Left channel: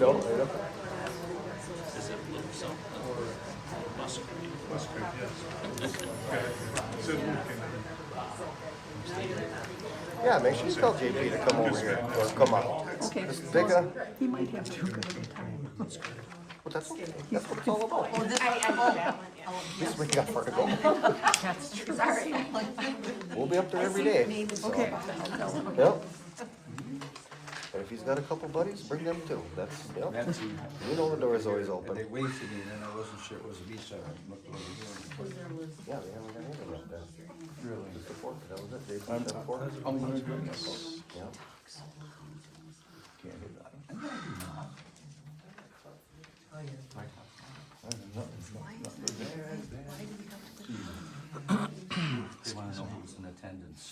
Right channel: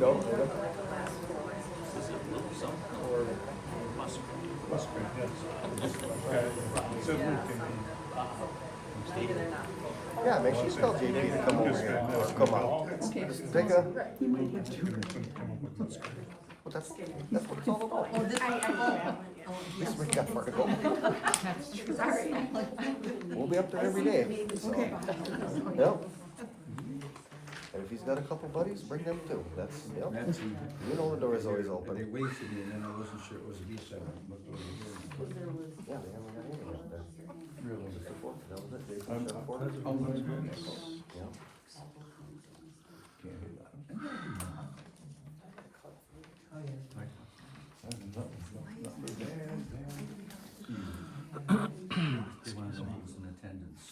No. Is it little something or mustard? Mustard, yeah. It's a working. Yeah, make sure you tell JP to come over here. Come out. Take a. Well, that's what it's all about. This we got for it. Sorry. We'll be up there every day. Okay. Yep. But if he's got a couple buddies, bring them too. That's, yep. That's easy. You know the door is always And open. they wasted me, and then I wasn't sure it was a beach side. Yeah, they don't have anything like that. Really? Just the fork, that was it. They I'm just the fork. president of the meeting. Yeah. Can't do that. They want to know who's in attendance.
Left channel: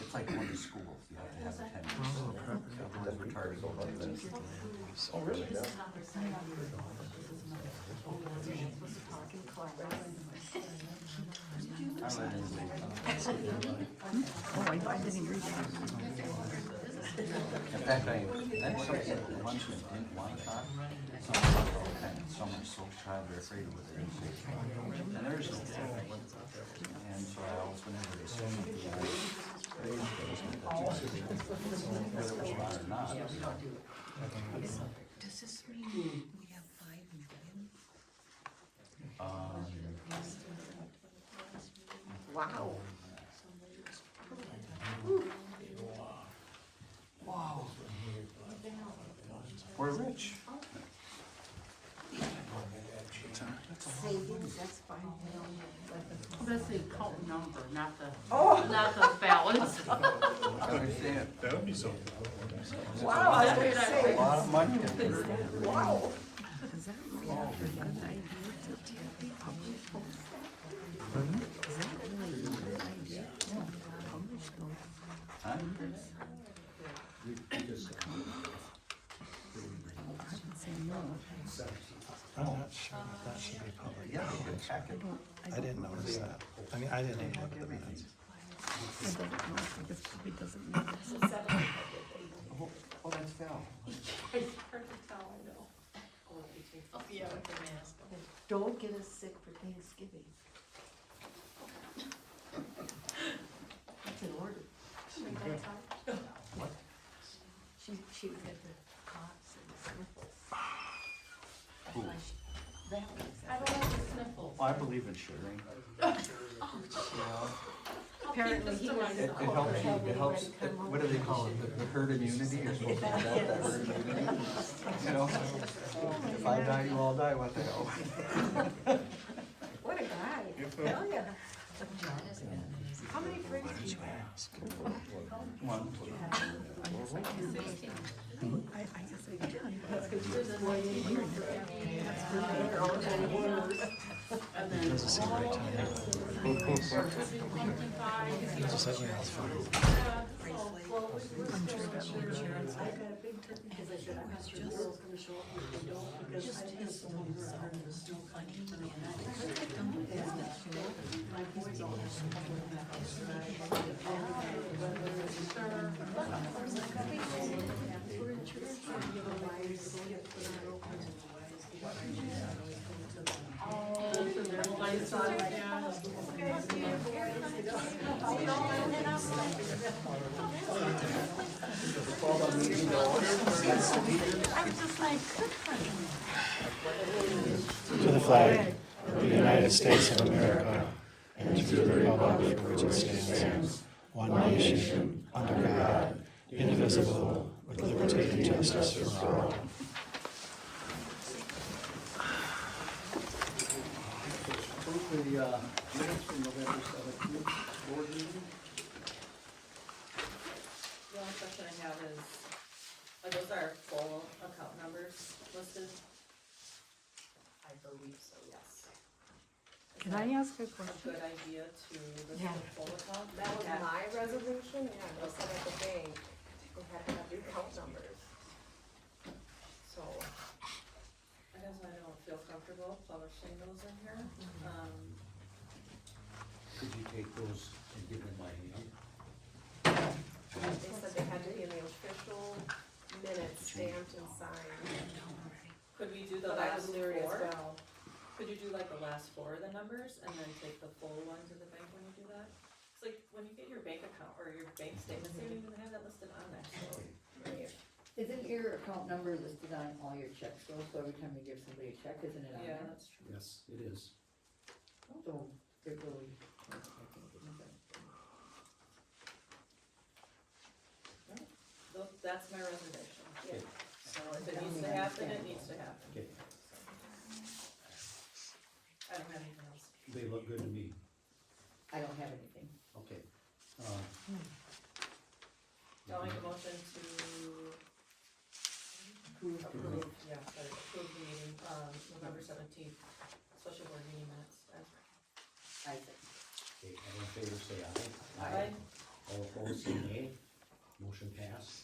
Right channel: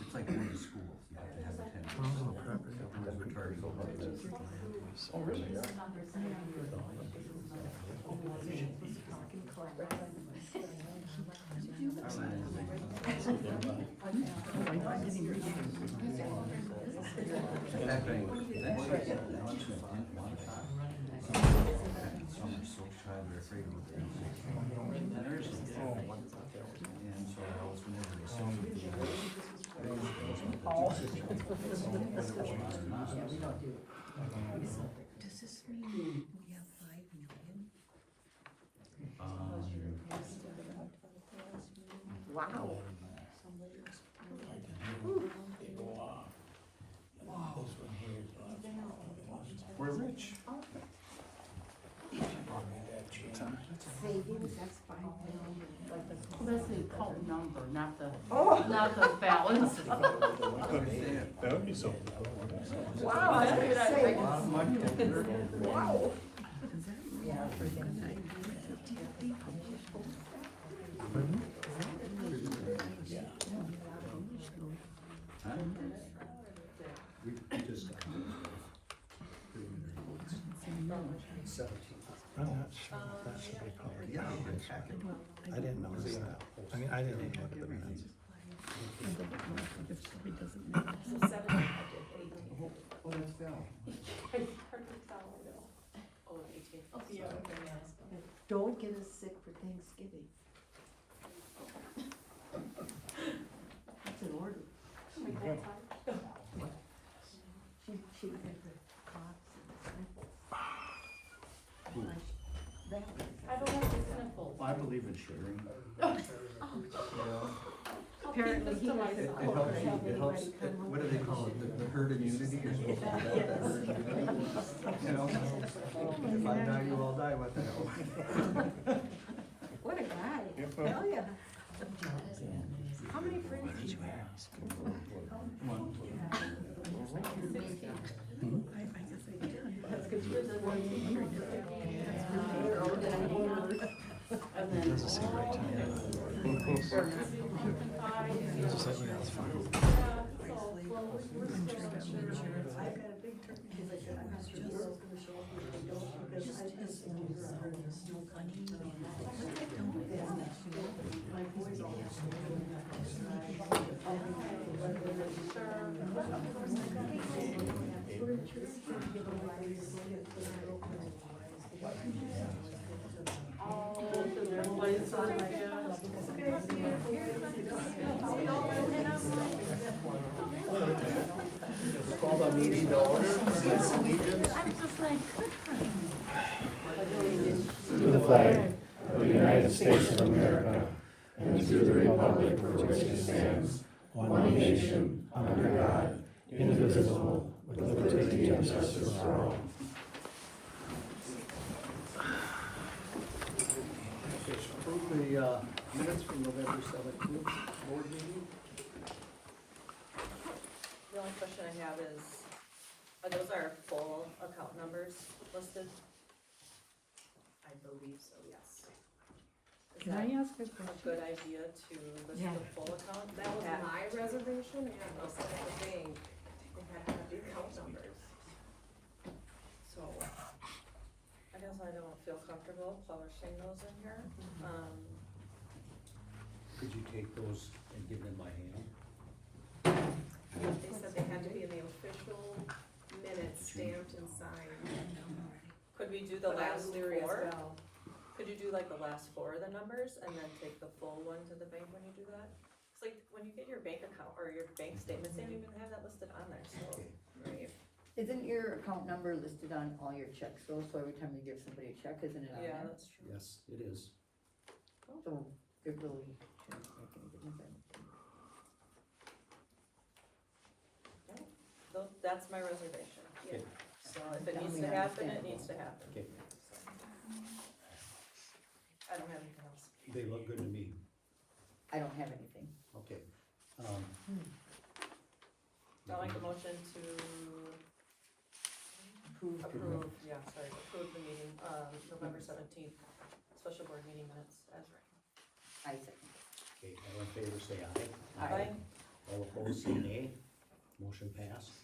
It's like going to school, you have to have attendance. Otherwise, we're tired of going to that. Oh, really? Yeah. In fact, I think some people lunch and didn't like that. Some are so shy they're afraid of it. And there's no phone. And so I always whenever there's so many people. Whether it was mine or not. Does this mean we have 5 million? Wow. Wow. We're rich. Savings, that's 5 million. Well, that's the account number, not the balance. Understand. That would be something. Wouldn't it? Wow, I was gonna A say, lot of money. wow. Huh? I'm not sure if that should be public knowledge. I didn't notice that. I mean, I didn't even look at the minutes. Oh, that's Val. Don't get us sick for Thanksgiving. That's an order. She had the coughs and the sniffles. That was. I don't have the sniffles. Well, I believe in sugaring. Apparently he was It in court, helps, having it helps, everybody come on. what do they call it, the herd immunity, you're supposed to get that herd immunity. You know, if I die, you all die, what the hell? What a guy. Hell yeah. How many friends do you have? One. That's because you're 48 years. They're all 91ers. It doesn't seem right to me. Just let me know, it's fine. I got a big turkey because I said, I'm not sure the girl's gonna show up if they don't, because I just told her I heard the snow coming. My boys all have to go with that. We're in church, trying to give a ride, so we have to put our girlfriends. Call the meeting to order. To the flag of the United States of America and to the republic for which it stands, one nation, under God, indivisible, with liberty and justice for all. Approve the minutes from November 17th board meeting. The only question I have is, are those our full account numbers listed? I believe so, yes. Is Can that I ask a a question? good idea to list Yeah. the full account? That was my reservation, and they said at the bank, we had to have your account numbers. So, I guess I don't feel comfortable publishing those in here. Could you take those and give them by hand? They said they had to be in the But I last was leery as four? well. Could you do like the last four of the numbers and then take the full one to the bank when you do that? It's like, when you get your bank account or your bank statements, they don't even have that listed on there, so. Right. Isn't your account number listed on all your checks though, so every time you give somebody a check, isn't it on Yeah, there? that's true. Yes, it is. So, it really, I think, isn't it? That's my reservation. Okay. So if it needs to happen, it needs to happen. Okay, I don't have anything else. they look good to me. I don't have anything. Okay. I'll make a motion to approve, approve the meeting, November 17th, special board meeting minutes as written. I second. Okay, all in favor say aye. Aye. All opposed say nay. Motion passed.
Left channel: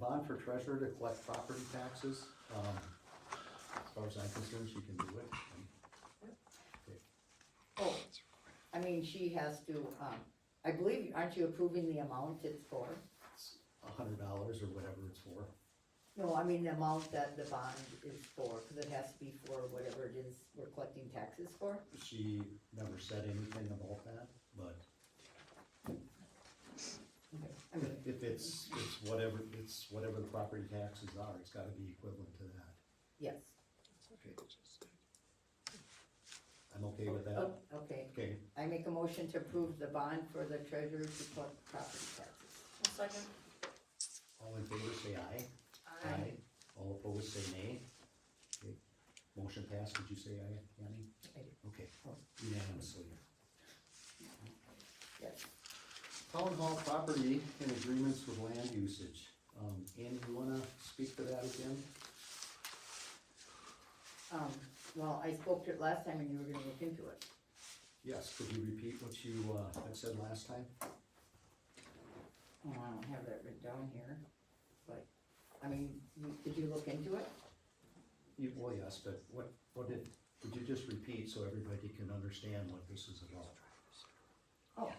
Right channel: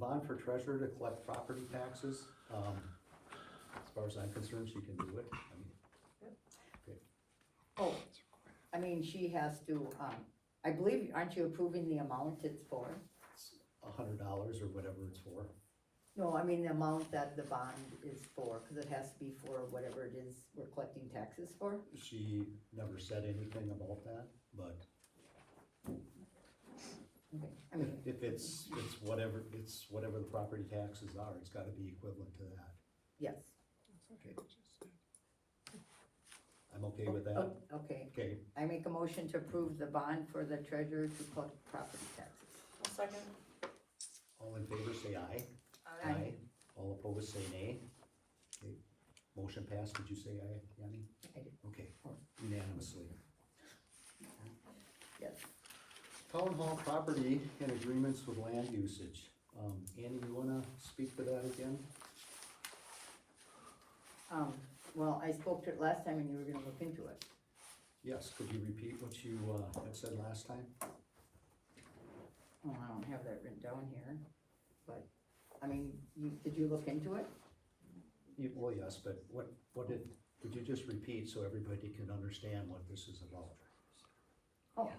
Bond for treasurer to collect property taxes. As far as I'm concerned, she can do it. Oh, I mean, she has to, I believe, aren't you approving the amount it's for? It's $100 or whatever it's for. No, I mean the amount that the bond is for, cause it has to be for whatever it is we're collecting taxes for. She never said anything about that, but Okay, I mean, if it's whatever the property taxes are, it's gotta be equivalent to that. yes, Okay. I'm okay with that. okay. Okay, I make a motion to approve the bond for the treasurer to collect property taxes. I'll second. all in favor say aye. Aye. All opposed say nay. Okay, motion passed. Did you say aye, Yanni? I did. Okay, unanimously. Yes. Town hall property and agreements with land usage. Annie, you wanna speak to that again? Well, I spoke to it last time and you were gonna look into it. Yes, could you repeat what you, had said last time? Oh, I don't have that written down here, but, I mean, did you look into it? Well, yes, but what did you just repeat so everybody can understand what this is about? Oh,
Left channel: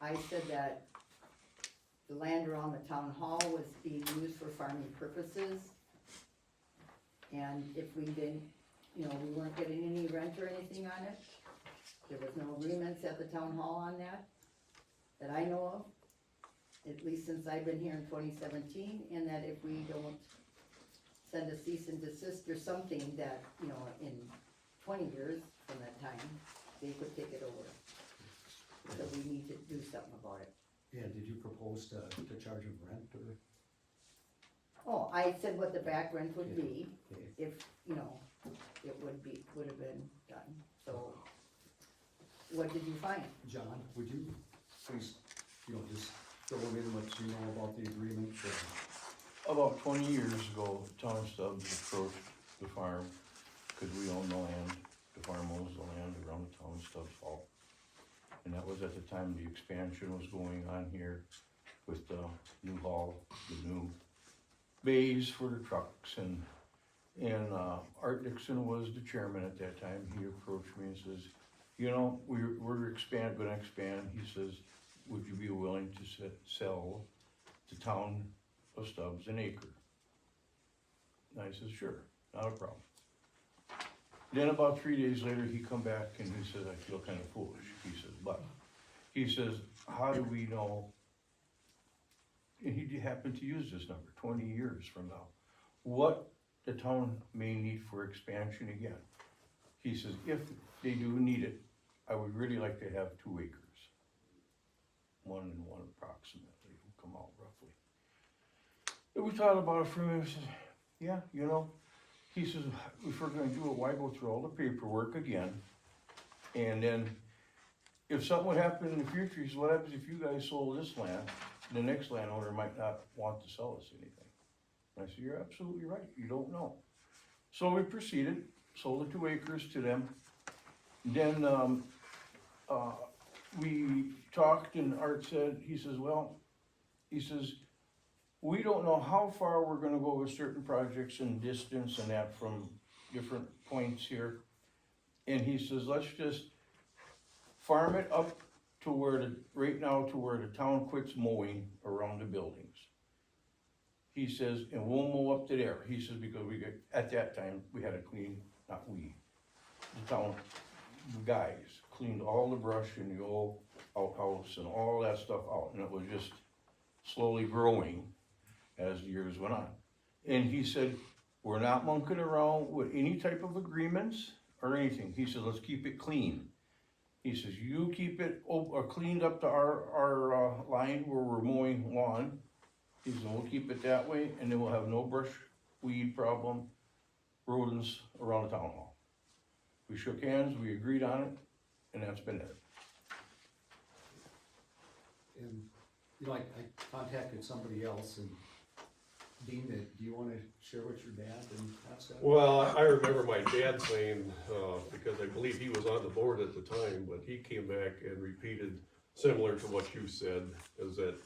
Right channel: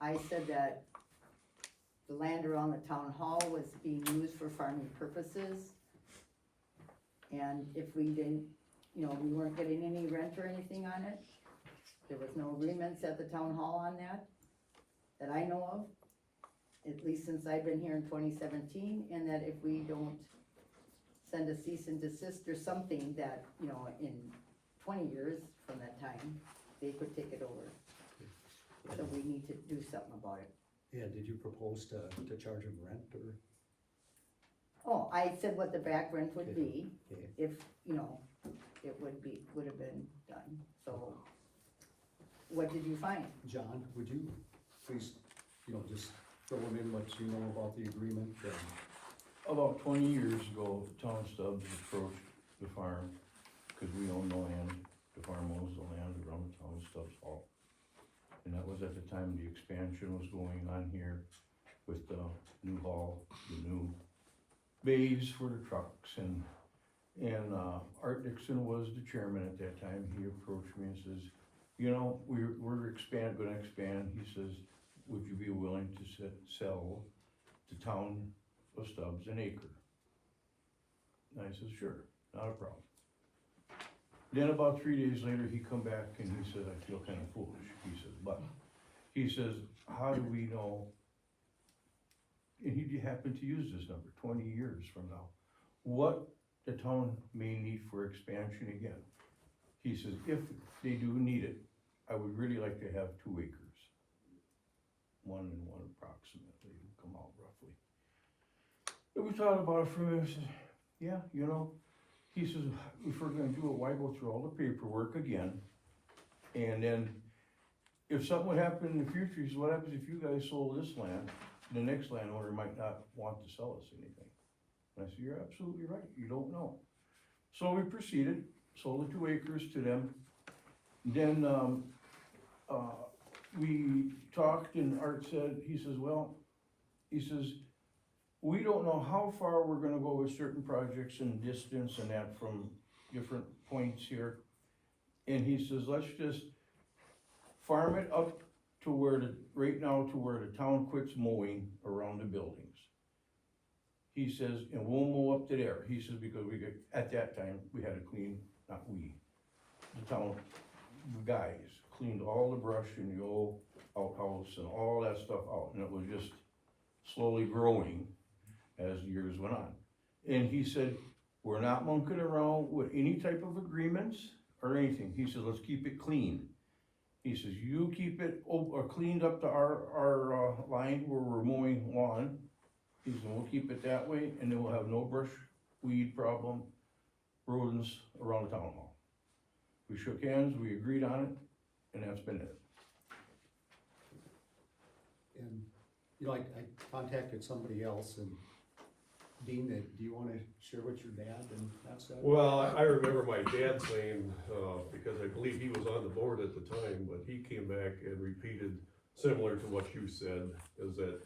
I said that the land around the town hall was being used for farming purposes. And if we didn't, we weren't getting any rent or anything on it. There was no agreements at the town hall on that I know of. At least since I've been here in 2017, and that if we don't send a cease and desist or something that, in 20 years from that time, they could take it over. So we need to do something about it. Yeah, did you propose to charge them rent or? Oh, I said what the back rent would be, Okay, if, it would have been done, so. What did you find? John, would you please, just fill them in what you know about the agreement? About 20 years ago, Tom Stubbs approached the farm, cause we own the land, the farm owns the land around the town of Stubbs Hall. And that was at the time the expansion was going on here with the new hall, the new bays for the trucks and Art Dixon was the chairman at that time. He approached me and says, we're gonna expand. He says, would you be willing to sell the town of Stubbs an acre? And I said, sure, not a problem. Then about 3 days later, he come back and he said, I feel kind of foolish. He says, how do we know? And he happened to use this number, 20 years from now. What the town may need for expansion again. He says, if they do need it, I would really like to have 2 acres. 1 and 1 approximately, will come out roughly. And we thought about it for a minute. I said, yeah, he says, if we're gonna do it, why go through all the paperwork again? And then, if something would happen in the future, he says, what happens if you guys sold this land? The next landowner might not want to sell us anything. And I said, you're absolutely right, you don't know. So we proceeded, sold the 2 acres to them. Then, we talked and Art said, he says, we don't know how far we're gonna go with certain projects and distance and that from different points here. And he says, let's just farm it up to right now to where the town quits mowing around the buildings. He says, and we'll mow up to there, he says, because we got, at that time, we had to clean, not we, the town guys cleaned all the brush in the old outhouse and all that stuff out, and it was just slowly growing as the years went on. And he said, we're not monkeying around with any type of agreements or anything, he said, let's keep it clean. He says, you keep it cleaned up to our line where we're mowing lawn. He said, we'll keep it that way, and then we'll have no brush, weed problem, rodents around the town hall. We shook hands, we agreed on it, and that's been it. And, you know, I contacted somebody else, and Dean, do you wanna share what your dad and that said? Well, I remember my dad saying, because I believe he was on the board at the time, but he came back and repeated similar to what you said, is that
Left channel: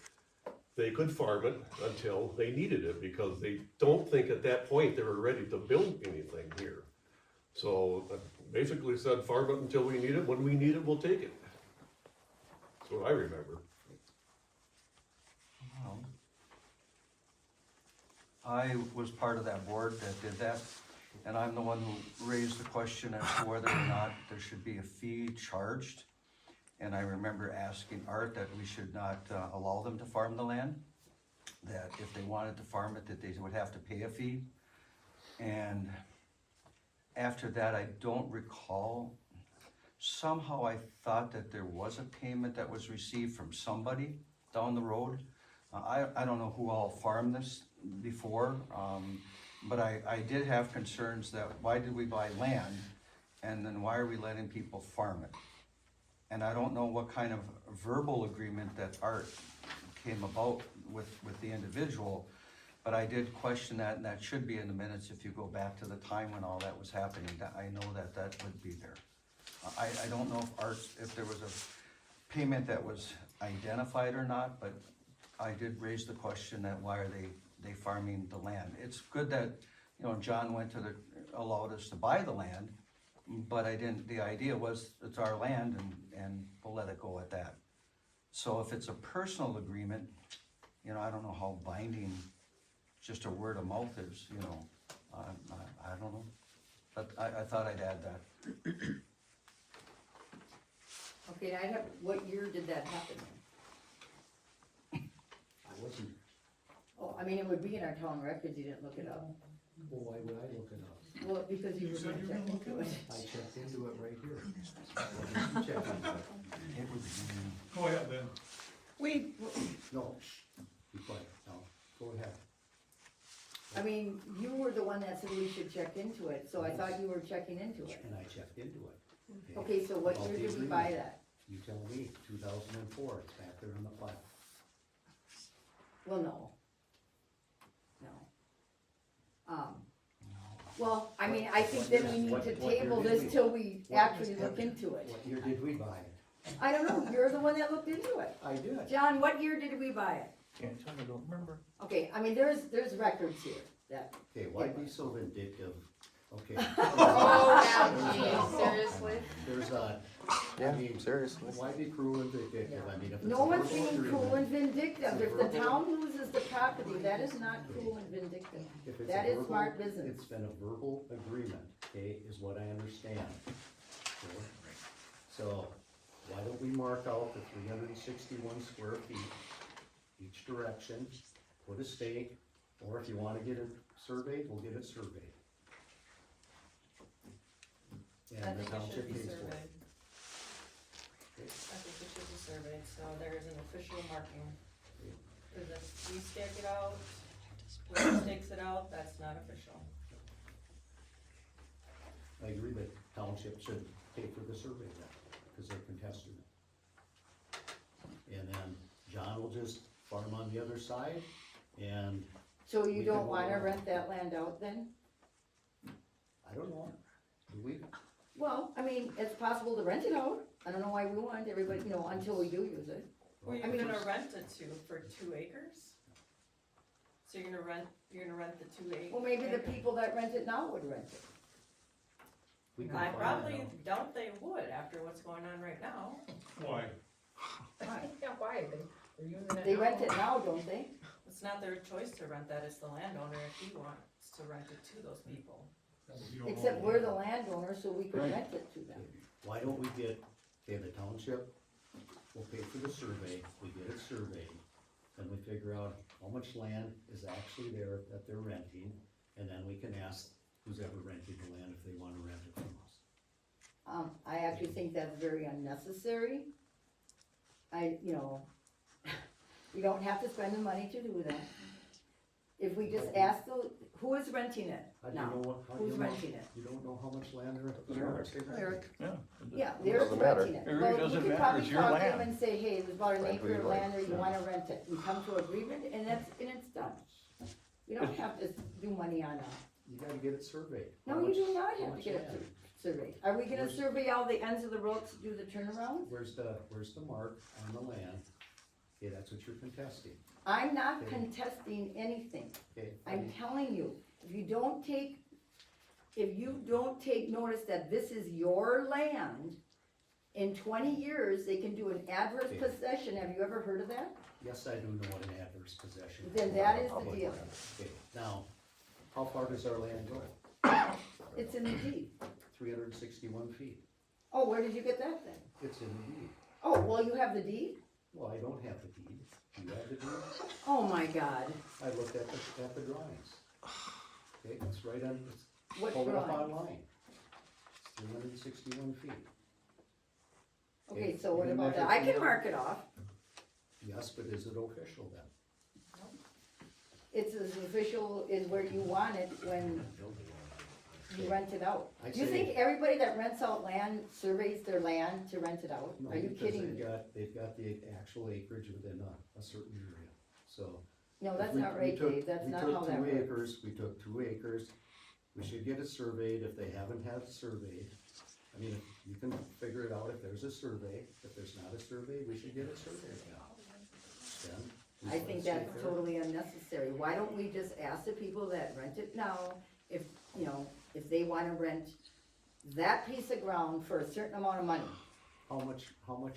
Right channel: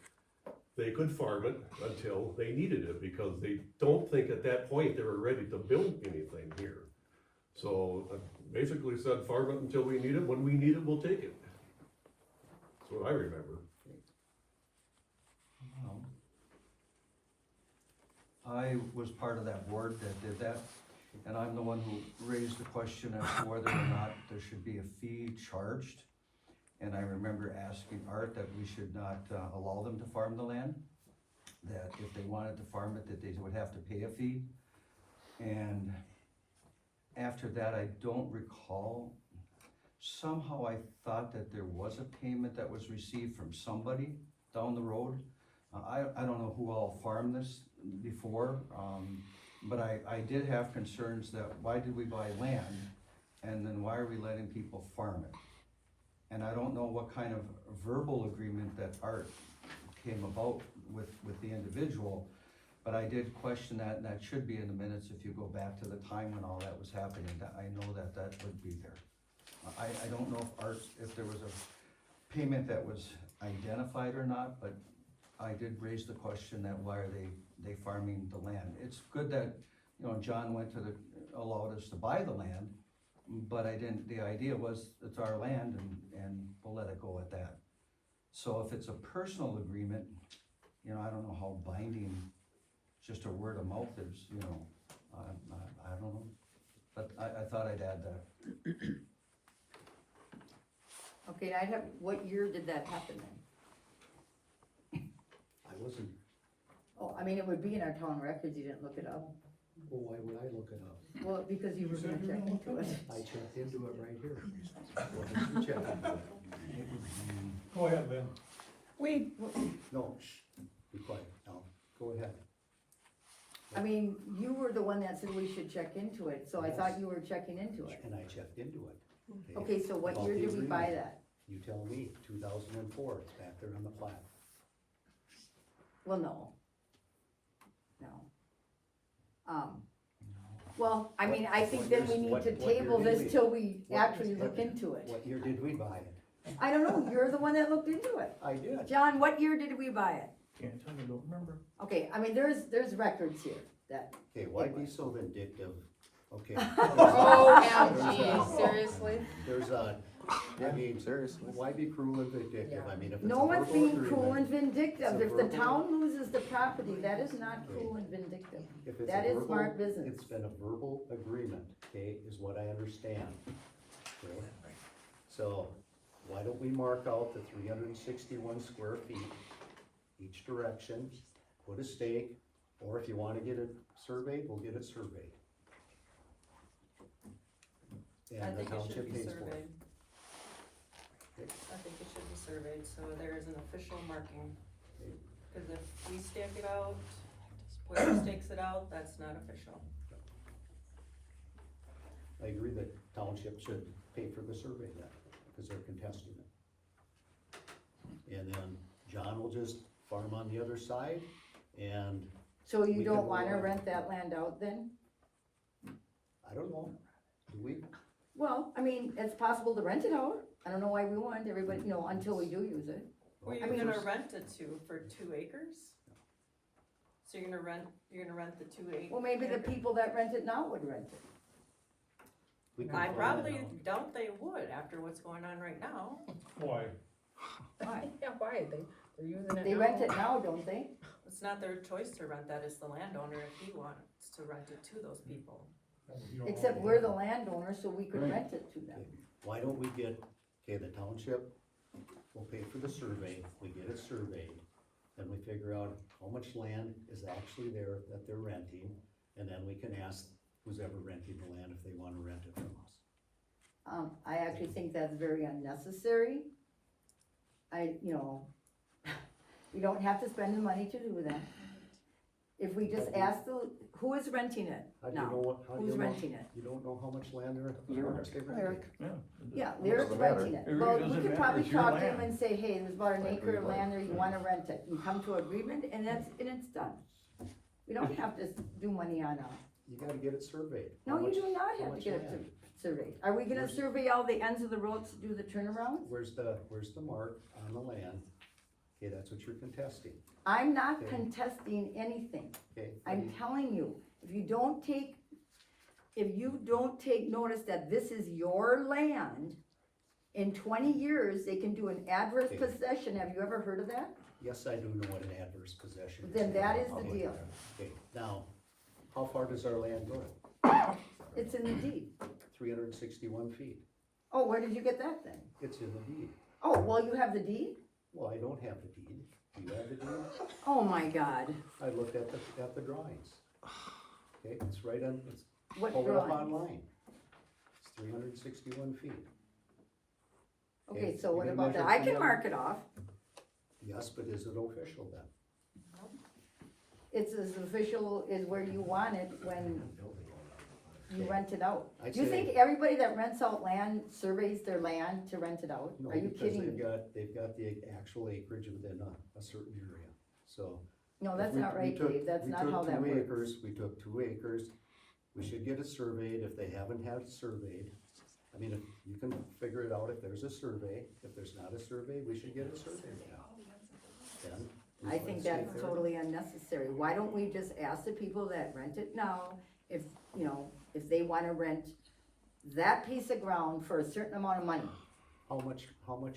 they could farm it until they needed it, because they don't think at that point they were ready to build anything here. So basically said, farm it until we need it, when we need it, we'll take it. That's what I remember. I was part of that board that did that, and I'm the one who raised the question as to whether or not there should be a fee charged. And I remember asking Art that we should not allow them to farm the land, that if they wanted to farm it, that they would have to pay a fee. And after that, I don't recall, somehow I thought that there was a payment that was received from somebody down the road. I don't know who all farmed this before, but I did have concerns that why did we buy land, and then why are we letting people farm it? And I don't know what kind of verbal agreement that Art came about with the individual, but I did question that, and that should be in the minutes if you go back to the time when all that was happening. I know that would be there. I don't know if there was a payment that was identified or not, but I did raise the question that why are they farming the land? It's good that, you know, John went to allowed us to buy the land, but the idea was it's our land and we'll let it go at that. So if it's a personal agreement, you know, I don't know how binding just a word of mouth is, you know, I don't know. But I thought I'd add that. Okay, what year did that happen then? I wasn't, Oh, I mean, it would be in our town records, you didn't look it up. well, why would I look it up? Well, because you were gonna check into it. I checked into it right here. What did you check into it? Go ahead, Lynn. No, shh, be quiet, now, go ahead. I mean, you were the one that said we should check into it, so I thought you were checking into it. And I checked into it. Okay, so what About year the did we buy agreement. that? You tell me, 2004, it's back there on the plat. Well, no. No. Well, I mean, I think then we need to table this till we actually look into it. What year did we buy it? I don't know, you're the one that looked into it. I did. John, what year did we buy it? Can't tell you, don't remember. Okay, I mean, there's records here that, Okay, why be so vindictive? Okay. Oh, seriously? There's I mean, seriously, why be cruel and vindictive? I mean, if it's a no one's verbal being cruel and agreement, vindictive. It's a If the verbal- town loses the property, that is not cruel and vindictive. if it's That a is verbal, smart business. it's been a verbal agreement, okay, is what I understand. Okay? So, why don't we mark out the 361 square feet each direction, put a stake, or if you wanna get it surveyed, we'll get it surveyed. I And the think it should township be pays for it. surveyed. I think it should be surveyed, so there is an official marking. Cause if we stake it out, whoever stakes it out, that's not official. I agree that township should pay for the survey then, because they're contesting it. And then John will just farm on the other side, and So We you can don't go wanna on. rent that land out then? I don't know, do we? Well, I mean, it's possible to rent it out. I don't know why we want everybody, you know, until we do use it. Were you I mean, gonna there's- rent it for 2 acres? So you're gonna rent the 2 acres? Well, maybe the people that rent it now would rent it. We can I farm it probably out. doubt they would after what's going on right now. Why? Why? Yeah, why? They're using it They now. rent it now, don't they? It's not their choice to rent that, it's the landowner if he wants to rent it to those people. Except we're the landowner, so we could rent it to them. Why don't we get, okay, the township will pay for the survey, we get it surveyed, then we figure out how much land is actually there that they're renting, and then we can ask who's ever renting the land if they wanna rent it from us. I actually think that's very unnecessary. You know, we don't have to spend the money to do that. If we just ask who is renting it How do you now? know how do you Who's know, renting it? you don't know how much land how much they rent? Lyric. Yeah. Yeah, Lyric's renting it. It really Well, we doesn't can matter, probably it's your talk to them land. and say, hey, there's about an Like acre of we land there, you like. wanna rent it. We come to agreement and it's done. We don't have to do money on that. You gotta get it surveyed. No, How you much- do not how have to much get it land? surveyed. Are we gonna Where's- survey all the ends of the roads to do the turnarounds? Where's the mark on the land? Okay, that's what you're contesting, I'm not Okay. contesting anything. okay? I'm telling you, if you don't take notice that this is your land, in 20 years, they can do an adverse Okay. possession. Have you ever heard of that? Yes, I do know what an adverse possession is. Then that is the Okay. deal. Okay, now, how far does our land go? It's in the deed. 361 feet. Oh, where did you get that then? It's in the deed. Oh, well, you have the deed? Well, I don't have the deed. Do you have the deed? Oh, my God. I looked at the drawings. Okay, it's right on, What pull it up drawing? online. It's 361 feet. Okay, so you what can about measure that? I from can the- mark it off. Yes, but is it official then? It's as official as where you want it when you rent it out. I'd Do you say- think everybody that rents out land surveys their land to rent it out? No, Are you because kidding me? they've got the actual acreage within a certain area, so. No, if that's we- not we right, took- Dave. That's we not took how that 2 works. acres. We took 2 acres, we should get it surveyed if they haven't had it surveyed. I mean, if you can figure it out if there's a survey, if there's not a survey, we should get it surveyed now. Then. we I let think it stay that's there. totally unnecessary. Why don't we just ask the people that rent it now, if, you know, if they wanna rent that piece of ground for a certain amount of money? How much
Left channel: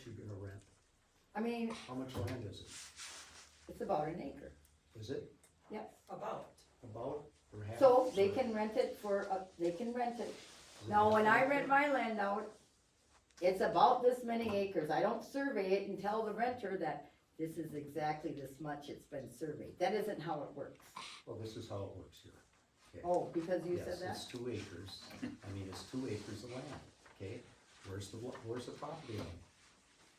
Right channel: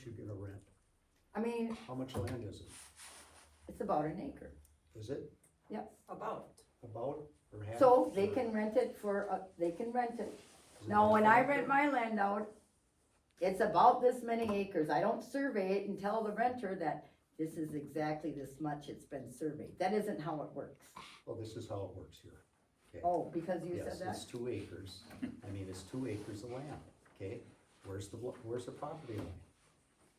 you gonna rent? I mean, How much land is it? it's about an acre, Is it yes. About. about or half? So they can rent it they can rent it. Now, when I rent my land out, it's about this many acres. I don't survey it and tell the renter that this is exactly this much it's been surveyed. That isn't how it works. Well, this is how it works here. Okay. Oh, because you Yes, said that? it's 2 acres. I mean, it's 2 acres of land, okay? Where's the property line?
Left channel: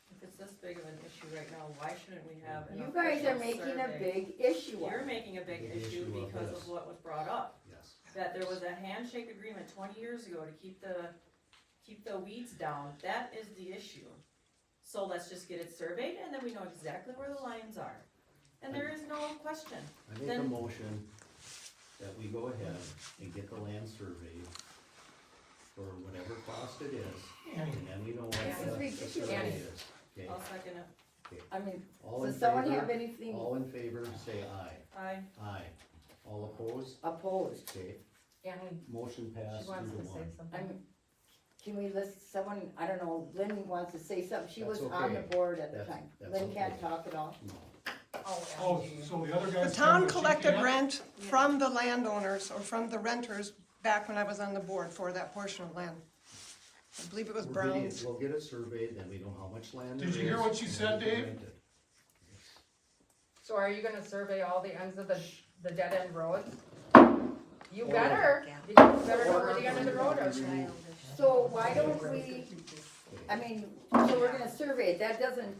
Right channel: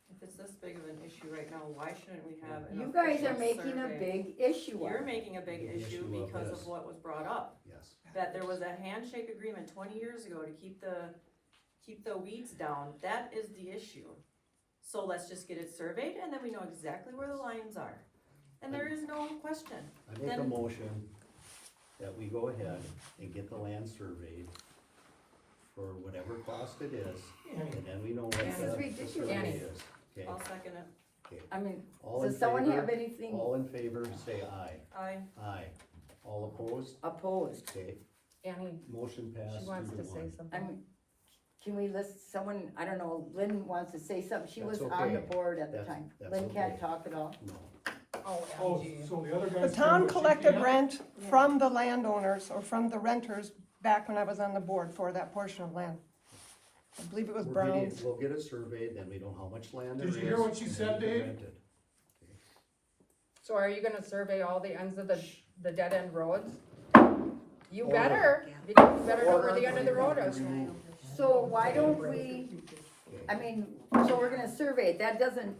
If it's this big of an issue right now, why shouldn't we have an You guys are official making a survey? big issue of You're it. making a big Big issue issue of because this. of what was brought up. Yes. That there was a handshake agreement 20 years ago to keep the weeds down. That is the issue. So let's just get it surveyed and then we know exactly where the lines are. And there is no question. I make a Then- motion that we go ahead and get the land surveyed for whatever cost it is, and then we know what This is the ridiculous. survey is, okay? I'll second it. I mean, All does in someone have favor? anything All in favor, say aye. Aye. Aye. All opposed? opposed? Okay, Annie, motion passed she 2 wants to to say 1. something. Can we list someone, I don't know, Lynn wants to say something. She That's was on the okay. board at the That's- time. that's Lynn can't okay. talk at all. No. Oh, so the other guys. The town said that she collected can't? rent from the landowners or from the renters back when I was on the board for that portion of land. I believe it was We're getting- Brown's. We'll get it surveyed, then we know how much land there is. Did you hear what she and said, then we can Dave? rent it. So are you gonna survey all the ends of the dead end roads? You Or- better, you better know where the end of the road is. So why don't we, I mean, so we're gonna survey it, that doesn't,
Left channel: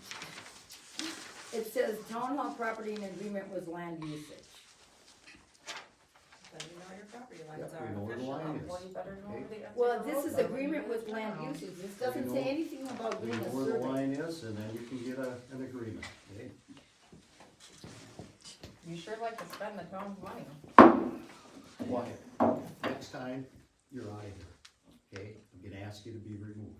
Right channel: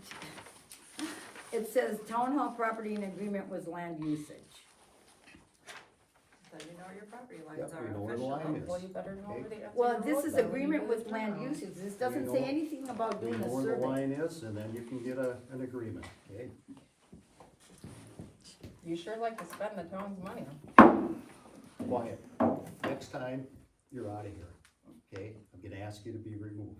it says town hall property in agreement with land usage. Then you know where your property Yep, lines we are. know where the Official, line is. well, you better know Okay. where the ends of Well, the this roads is are. agreement with land usage, this doesn't say anything about We doing know a where the survey. line is, and then you can get an agreement, okay? You sure like to spend the town's money. Quiet. Next time, you're out of here, okay? I'm gonna ask you to be removed.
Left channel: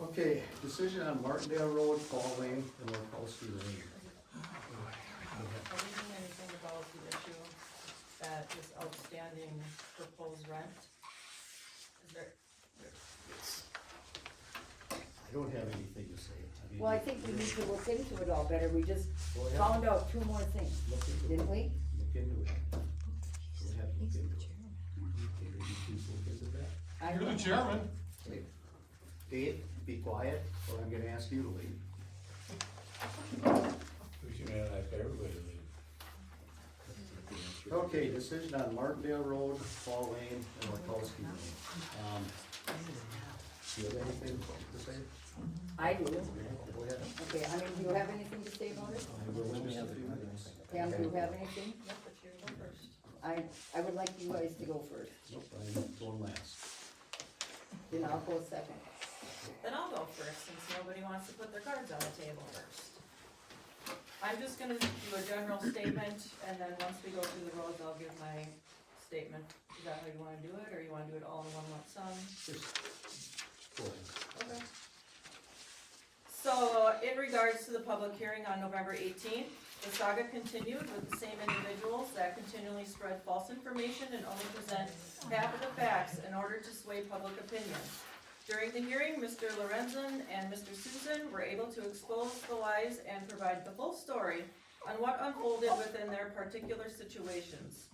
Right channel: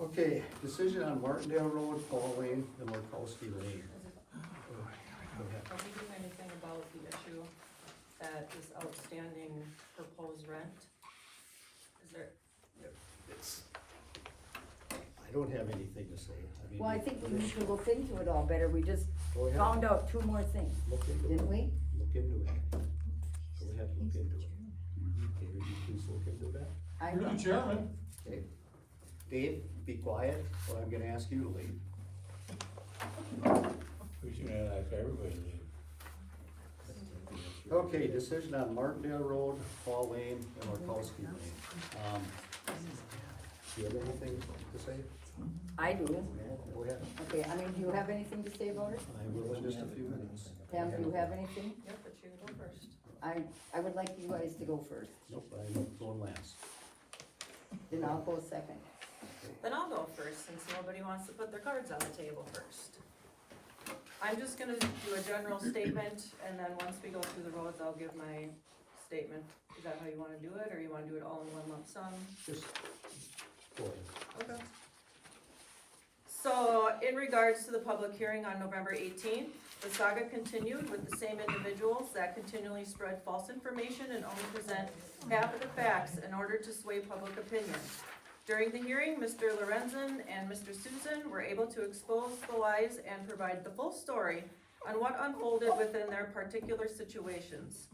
Okay, decision on Martindale Road, Fall Lane, and Markowski Lane. Are we doing anything about the issue that is outstanding proposed rent? Is there, don't have anything to say. I mean. Well, I think we need to look into it all better, we just Go ahead. found out 2 more things, Look into it. didn't we? Look into it. Go ahead, look into it. Okay, will you please look into that? I You're the don't- chairman. Okay. Dave, be quiet, or I'm gonna ask you to leave. We should ask everybody. Okay, decision on Martindale Road, Paul Lane, and Orkowski Lane. Do you have anything to say? I do. Go ahead. Okay, I mean, do you have anything to say about it? I will in just a few minutes. Pam, do you have anything? Yep, but you go first. I would like you guys to go first, Nope, I'm going last. then I'll go second. Then I'll go first, since nobody wants to put their cards on the table first. I'm just gonna do a general statement, and then once we go through the roads, I'll give my statement. Is that how you wanna do it, or you wanna do it all in one lump sum? Just go ahead. Okay. So, in regards to the public hearing on November 18th, the saga continued with the same individuals that continually spread false information and only present half of the facts in order to sway public opinion. During the hearing, Mr. Lorenzen and Mr. Susan were able to expose the lies and provide the full story on what unfolded within their particular situations.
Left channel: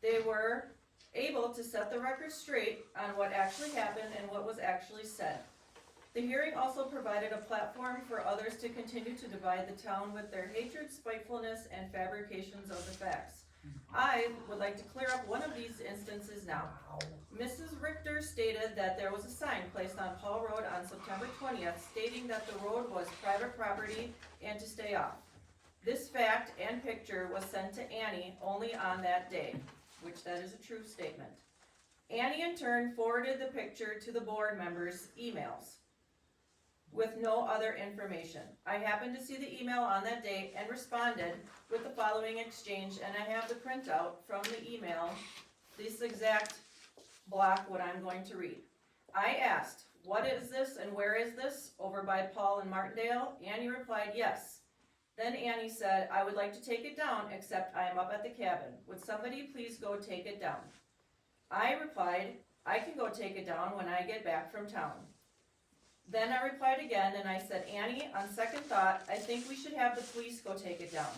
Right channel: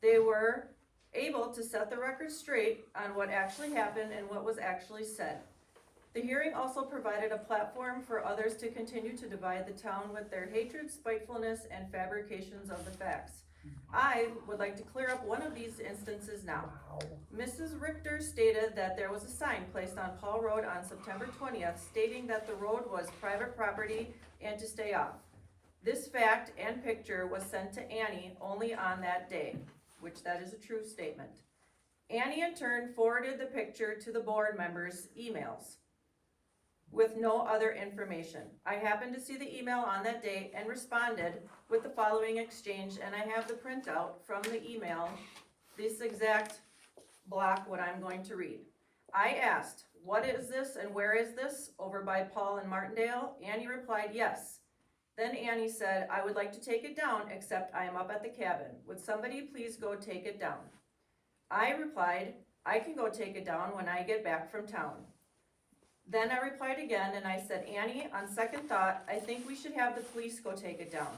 They were able to set the record straight on what actually happened and what was actually said. The hearing also provided a platform for others to continue to divide the town with their hatred, spitefulness, and fabrications of the facts. I would like to clear up one of these instances now. Mrs. Richter stated that there was a sign placed on Paul Road on September 20th stating that the road was private property and to stay off. This fact and picture was sent to Annie only on that day, which that is a true statement. Annie in turn forwarded the picture to the board members' emails with no other information. I happened to see the email on that day and responded with the following exchange, and I have the printout from the email, this exact block, what I'm going to read. I asked, what is this and where is this? Over by Paul and Martindale? Annie replied, yes. Then Annie said, I would like to take it down, except I am up at the cabin. Would somebody please go take it down? I replied, I can go take it down when I get back from town. Then I replied again and I said, Annie, on second thought, I think we should have the police go take it down.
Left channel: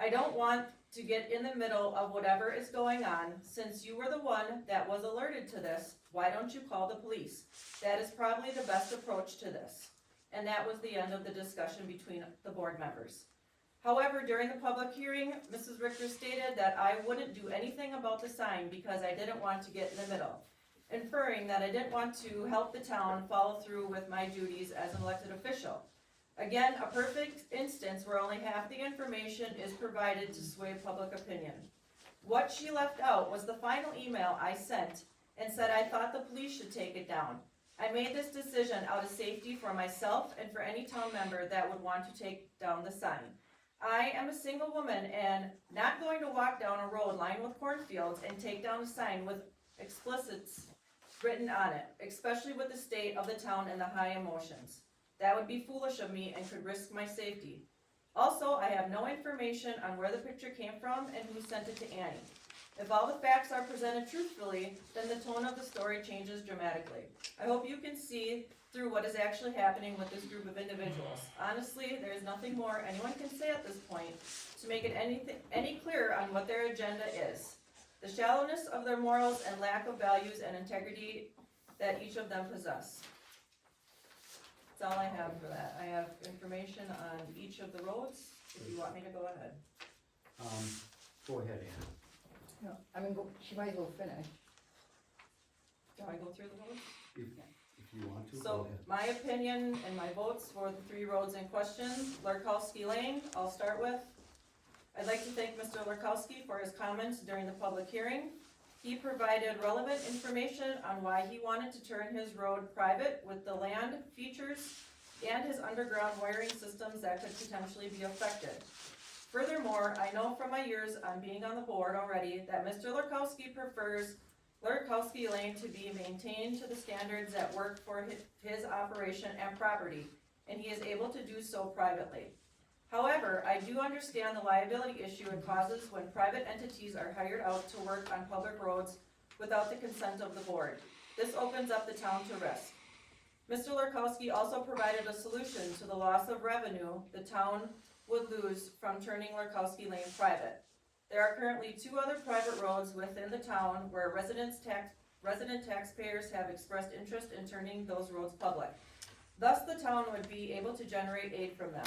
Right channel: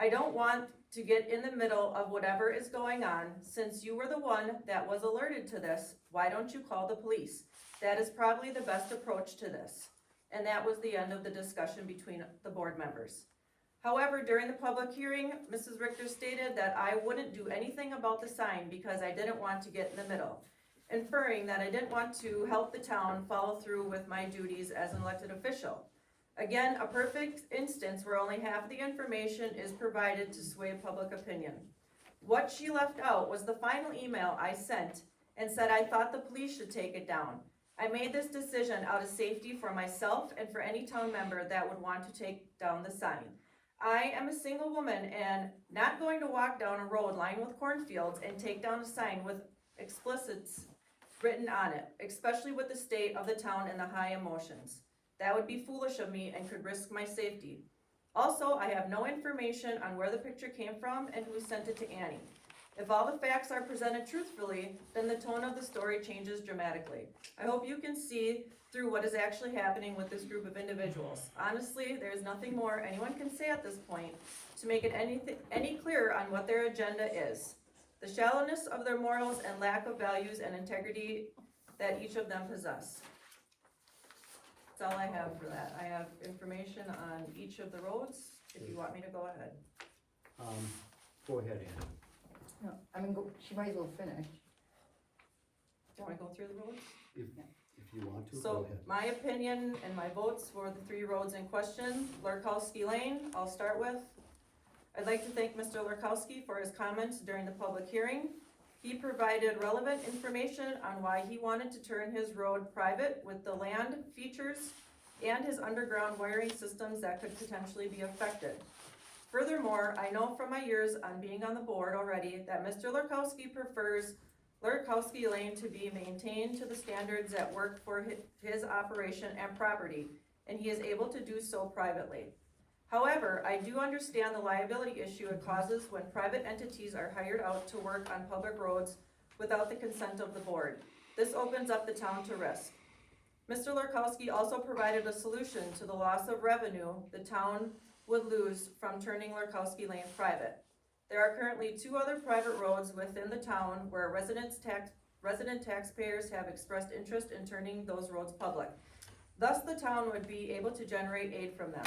I don't want to get in the middle of whatever is going on. Since you were the one that was alerted to this, why don't you call the police? That is probably the best approach to this. And that was the end of the discussion between the board members. However, during the public hearing, Mrs. Richter stated that I wouldn't do anything about the sign because I didn't want to get in the middle, inferring that I didn't want to help the town follow through with my duties as an elected official. Again, a perfect instance where only half the information is provided to sway public opinion. What she left out was the final email I sent and said I thought the police should take it down. I made this decision out of safety for myself and for any town member that would want to take down the sign. I am a single woman and not going to walk down a road lined with cornfields and take down a sign with explicits written on it, especially with the state of the town and the high emotions. That would be foolish of me and could risk my safety. Also, I have no information on where the picture came from and who sent it to Annie. If all the facts are presented truthfully, then the tone of the story changes dramatically. I hope you can see through what is actually happening with this group of individuals. Honestly, there is nothing more anyone can say at this point to make it any clearer on what their agenda is. The shallowness of their morals and lack of values and integrity that each of them possess. That's all I have for that. I have information on each of the roads, if you want me to go ahead. Go ahead, Ann. No, I mean, she might as well finish. Do I go through the roads? If you want to, go So, ahead. my opinion and my votes for the 3 roads in question, Lurkowski Lane, I'll start with. I'd like to thank Mr. Lurkowski for his comments during the public hearing. He provided relevant information on why he wanted to turn his road private with the land features and his underground wiring systems that could potentially be affected. Furthermore, I know from my years on being on the board already that Mr. Lurkowski prefers Lurkowski Lane to be maintained to the standards that work for his operation and property, and he is able to do so privately. However, I do understand the liability issue it causes when private entities are hired out to work on public roads without the consent of the board. This opens up the town to risk. Mr. Lurkowski also provided a solution to the loss of revenue the town would lose from turning Lurkowski Lane private. There are currently 2 other private roads within the town where resident taxpayers have expressed interest in turning those roads public. Thus, the town would be able to generate aid from them.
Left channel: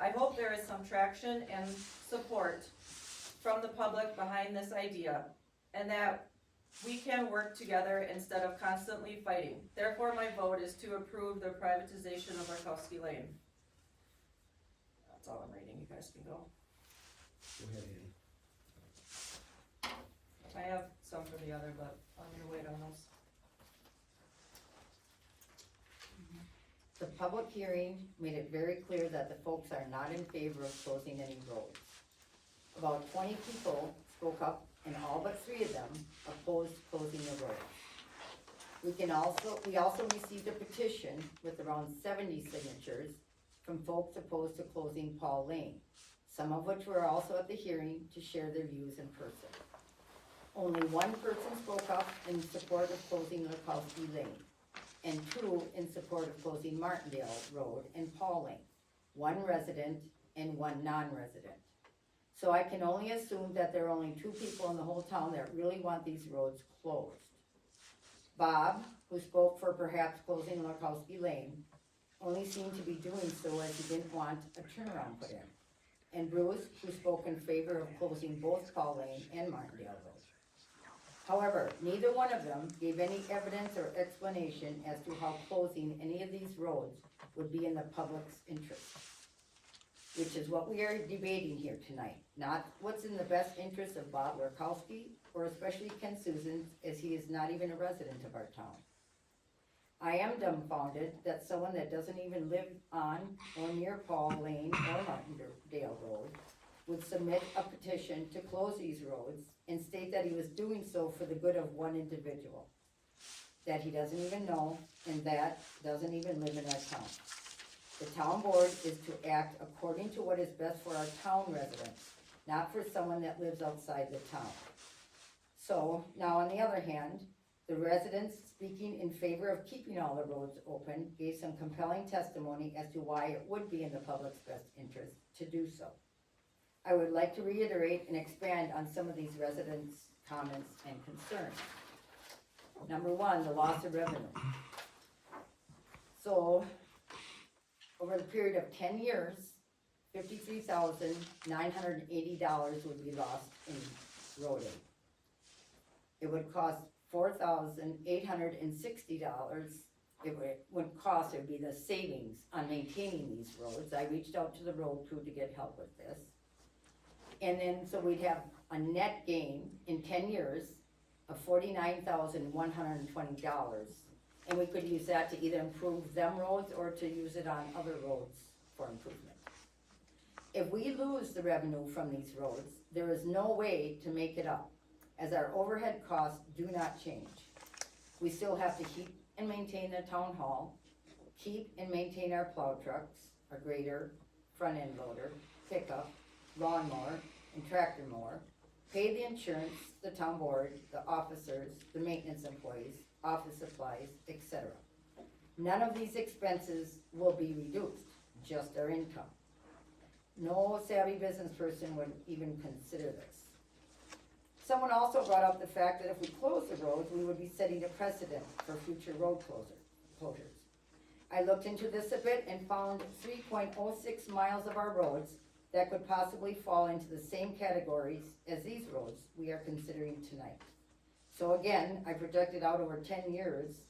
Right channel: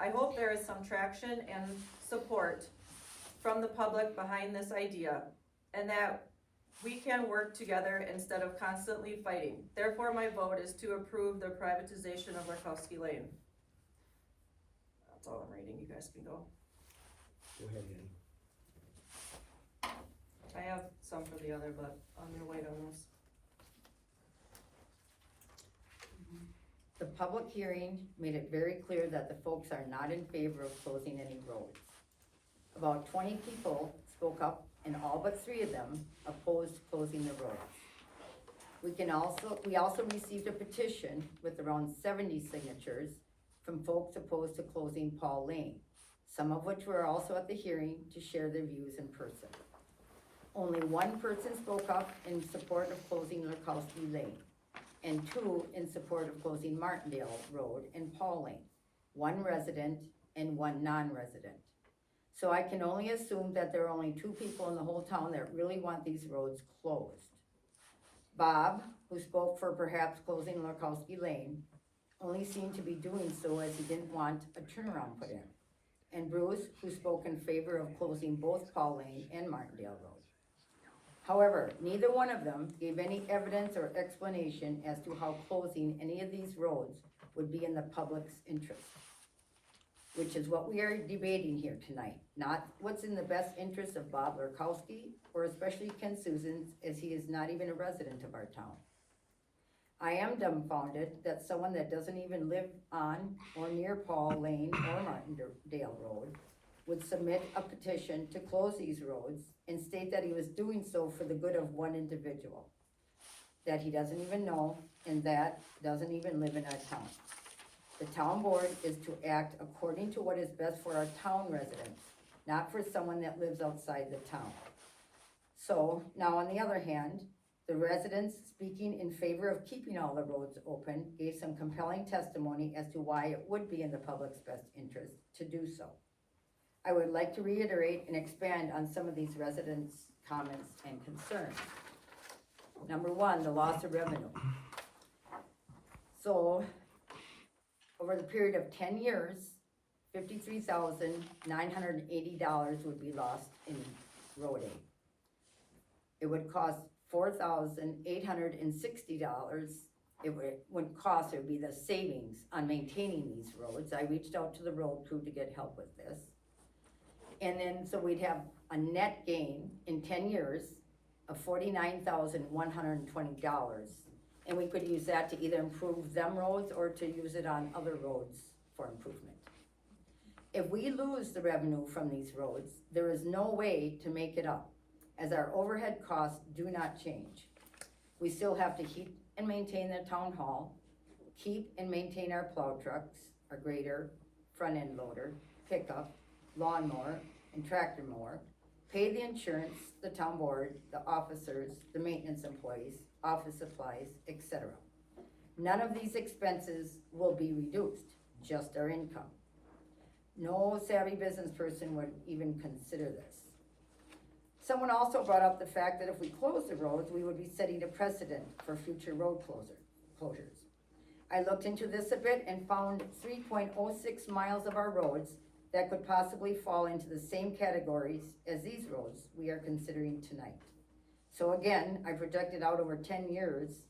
I hope there is some traction and support from the public behind this idea, and that we can work together instead of constantly fighting. Therefore, my vote is to approve the privatization of Lurkowski Lane. That's all I'm reading, you guys can go. Go ahead, Ann. I have some for the other, but I'm gonna wait on those. The public hearing made it very clear that the folks are not in favor of closing any roads. About 20 people spoke up, and all but 3 of them opposed closing the roads. We also received a petition with around 70 signatures from folks opposed to closing Paul Lane, some of which were also at the hearing to share their views in person. Only 1 person spoke up in support of closing Lurkowski Lane, and 2 in support of closing Martindale Road and Paul Lane, 1 resident and 1 non-resident. So I can only assume that there are only 2 people in the whole town that really want these roads closed. Bob, who spoke for perhaps closing Lurkowski Lane, only seemed to be doing so as he didn't want a turnaround put in. And Bruce, who spoke in favor of closing both Paul Lane and Martindale Road. However, neither one of them gave any evidence or explanation as to how closing any of these roads would be in the public's interest, which is what we are debating here tonight, not what's in the best interest of Bob Lurkowski, or especially Ken Susans, as he is not even a resident of our town. I am dumbfounded that someone that doesn't even live on or near Paul Lane or Martindale Road would submit a petition to close these roads and state that he was doing so for the good of 1 individual that he doesn't even know and that doesn't even live in our town. The town board is to act according to what is best for our town residents, not for someone that lives outside the town. So, now on the other hand, the residents speaking in favor of keeping all the roads open gave some compelling testimony as to why it would be in the public's best interest to do so. I would like to reiterate and expand on some of these residents' comments and concerns. Number 1, the loss of revenue. So, over the period of 10 years, $53,980 would be lost in road aid. It would cost $4,860. It would be the savings on maintaining these roads. I reached out to the road crew to get help with this. And then, so we'd have a net gain in 10 years of $49,120. And we could use that to either improve them roads or to use it on other roads for improvement. If we lose the revenue from these roads, there is no way to make it up, as our overhead costs do not change. We still have to keep and maintain the town hall, keep and maintain our plow trucks, our grader, front end loader, pickup, lawnmower, and tractor mower, pay the insurance, the town board, the officers, the maintenance employees, office supplies, etc. None of these expenses will be reduced, just our income. No savvy business person would even consider this. Someone also brought up the fact that if we close the roads, we would be setting a precedent for future road closures. I looked into this a bit and found 3.06 miles of our roads that could possibly fall into the same categories as these roads we are considering tonight. So again, I projected out over 10 years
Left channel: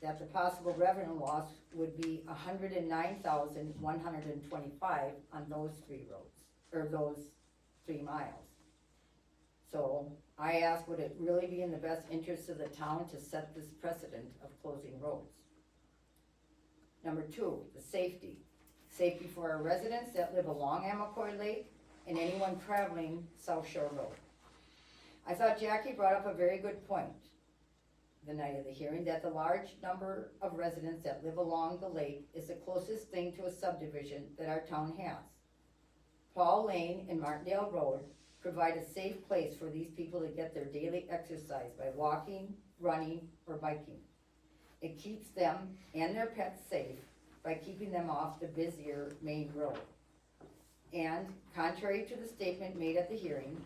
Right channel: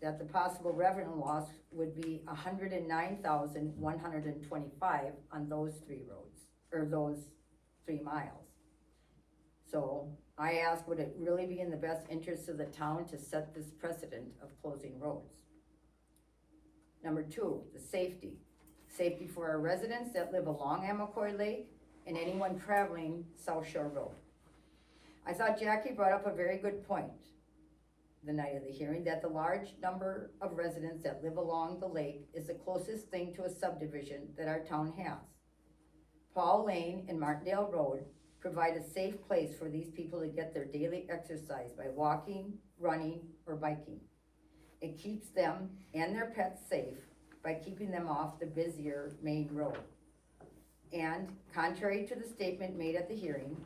that the possible revenue loss would be $109,125 on those 3 roads, or those 3 miles. So I ask, would it really be in the best interest of the town to set this precedent of closing roads? Number 2, the safety. Safety for our residents that live along Amacoy Lake and anyone traveling South Shore Road. I thought Jackie brought up a very good point the night of the hearing, that the large number of residents that live along the lake is the closest thing to a subdivision that our town has. Paul Lane and Martindale Road provide a safe place for these people to get their daily exercise by walking, running, or biking. It keeps them and their pets safe by keeping them off the busier main road. And contrary to the statement made at the hearing,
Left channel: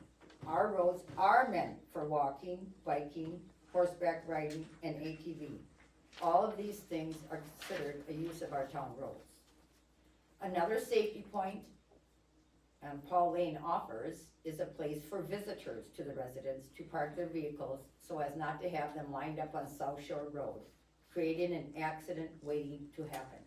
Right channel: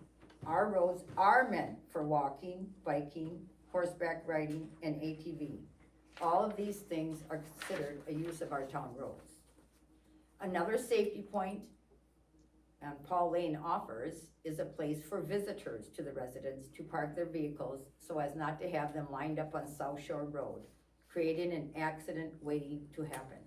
our roads are meant for walking, biking, horseback riding, and ATV. All of these things are considered a use of our town roads. Another safety point Paul Lane offers is a place for visitors to the residents to park their vehicles so as not to have them lined up on South Shore Road, creating an accident waiting to happen.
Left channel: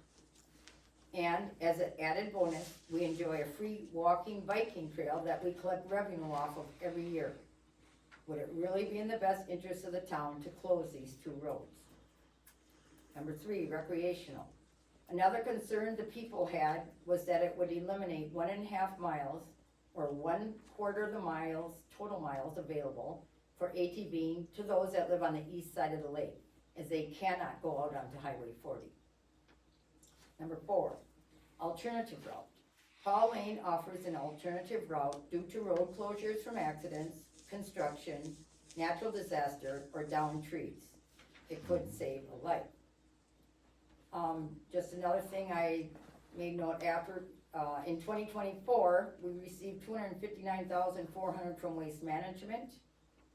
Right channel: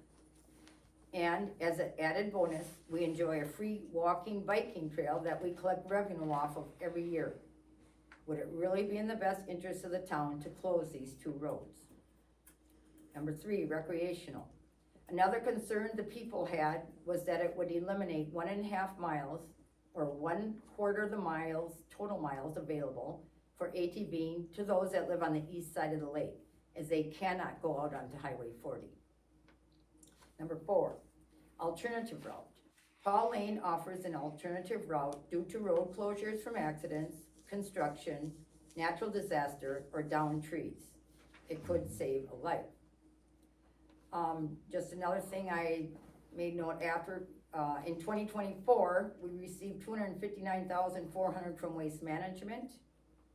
And as an added bonus, we enjoy a free walking, biking trail that we collect revenue off of every year. Would it really be in the best interest of the town to close these two roads? Number 3, recreational. Another concern the people had was that it would eliminate 1.5 miles or 1/4 of the miles, total miles available for ATVing to those that live on the east side of the lake, as they cannot go out onto Highway 40. Number 4, alternative route. Paul Lane offers an alternative route due to road closures from accidents, construction, natural disaster, or downed trees. It could save a life. Just another thing I made note after, in 2024, we received $259,400 from Waste Management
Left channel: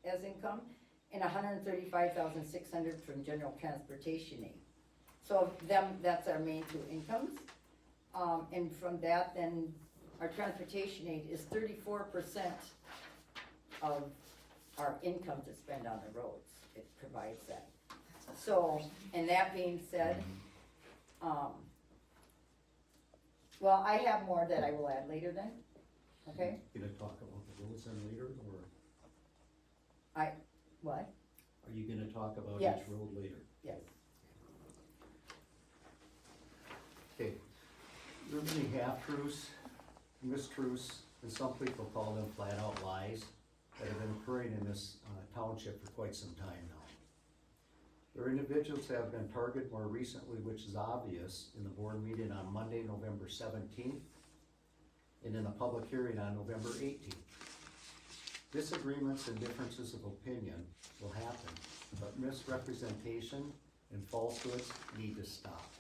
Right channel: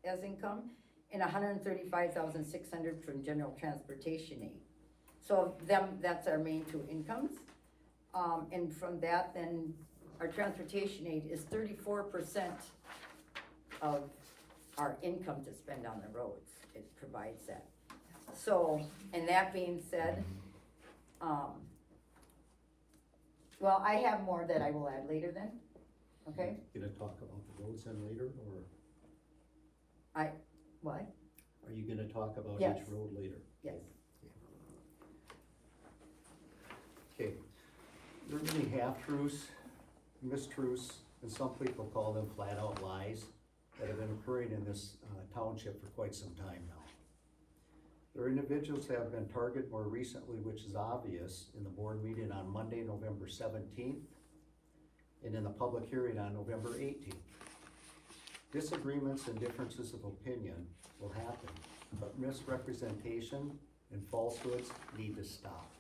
as income, and $135,600 from General Transportation Aid. So that's our main two incomes. And from that, then, our transportation aid is 34% of our income to spend on the roads. It provides that. So, and that being said, well, I have more that I will add later then, okay? You gonna talk about the roads then later, or What? are you gonna talk about Yes. each road later? Yes. Okay, there are many half-truths, mistruths, and some people call them flat-out lies that have been occurring in this township for quite some time now. There are individuals that have been targeted more recently, which is obvious in the board meeting on Monday, November 17th, and in the public hearing on November 18th. Disagreements and differences of opinion will happen, but misrepresentation and falsehoods need to stop.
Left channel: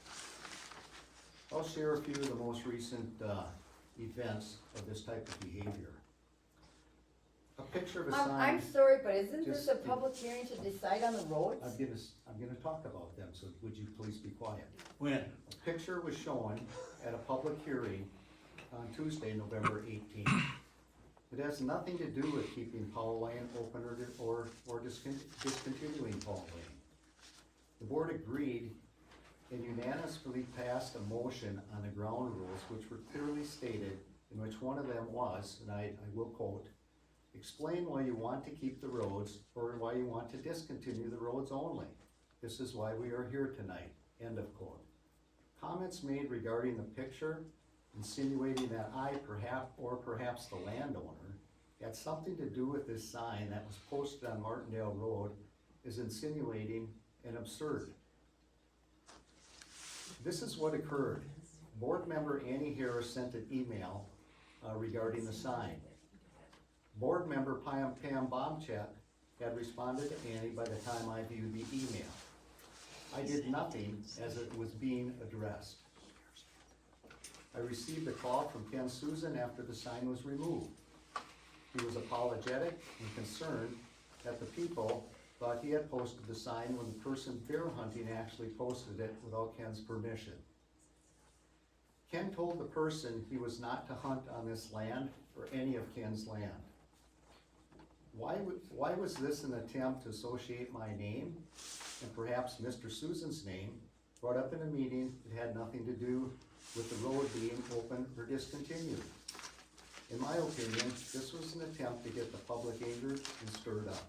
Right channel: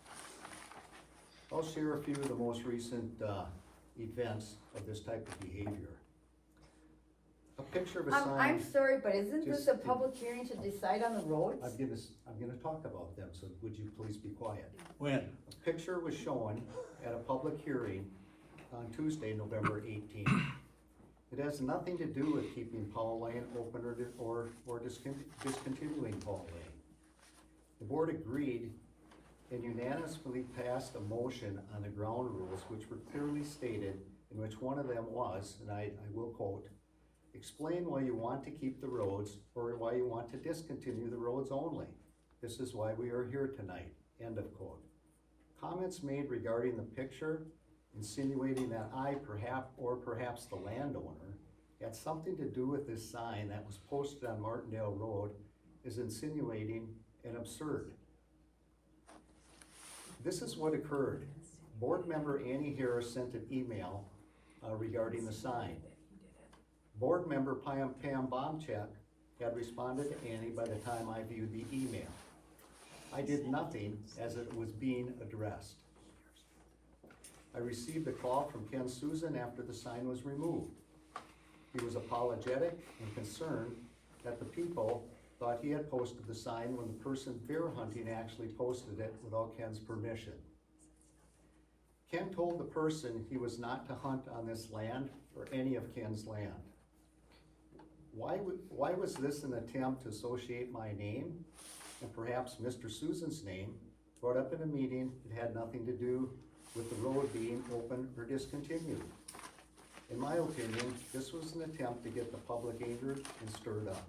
I'll share a few of the most recent events of this type of behavior. A picture of a sign. I'm sorry, but isn't this Just a public hearing to decide on the roads? I'm gonna talk about them, so would you please be quiet? When? A picture was shown at a public hearing on Tuesday, November 18th. It has nothing to do with keeping Paul Lane open or discontinuing Paul Lane. The board agreed and unanimously passed a motion on the ground rules, which were clearly stated, in which one of them was, and I will quote, "Explain why you want to keep the roads or why you want to discontinue the roads only. This is why we are here tonight," end of quote. Comments made regarding the picture, insinuating that I perhaps the landowner, had something to do with this sign that was posted on Martindale Road is insinuating and absurd. This is what occurred. Board member Annie Harris sent an email regarding the sign. Board member Pam Bomchek had responded to Annie by the time I viewed the email. I did nothing as it was being addressed. I received a call from Ken Susan after the sign was removed. He was apologetic and concerned that the people thought he had posted the sign when the person bear hunting actually posted it without Ken's permission. Ken told the person he was not to hunt on this land or any of Ken's land. Why was this an attempt to associate my name and perhaps Mr. Susan's name brought up in a meeting that had nothing to do with the road being open or discontinued? In my opinion, this was an attempt to get the public angered and stirred up.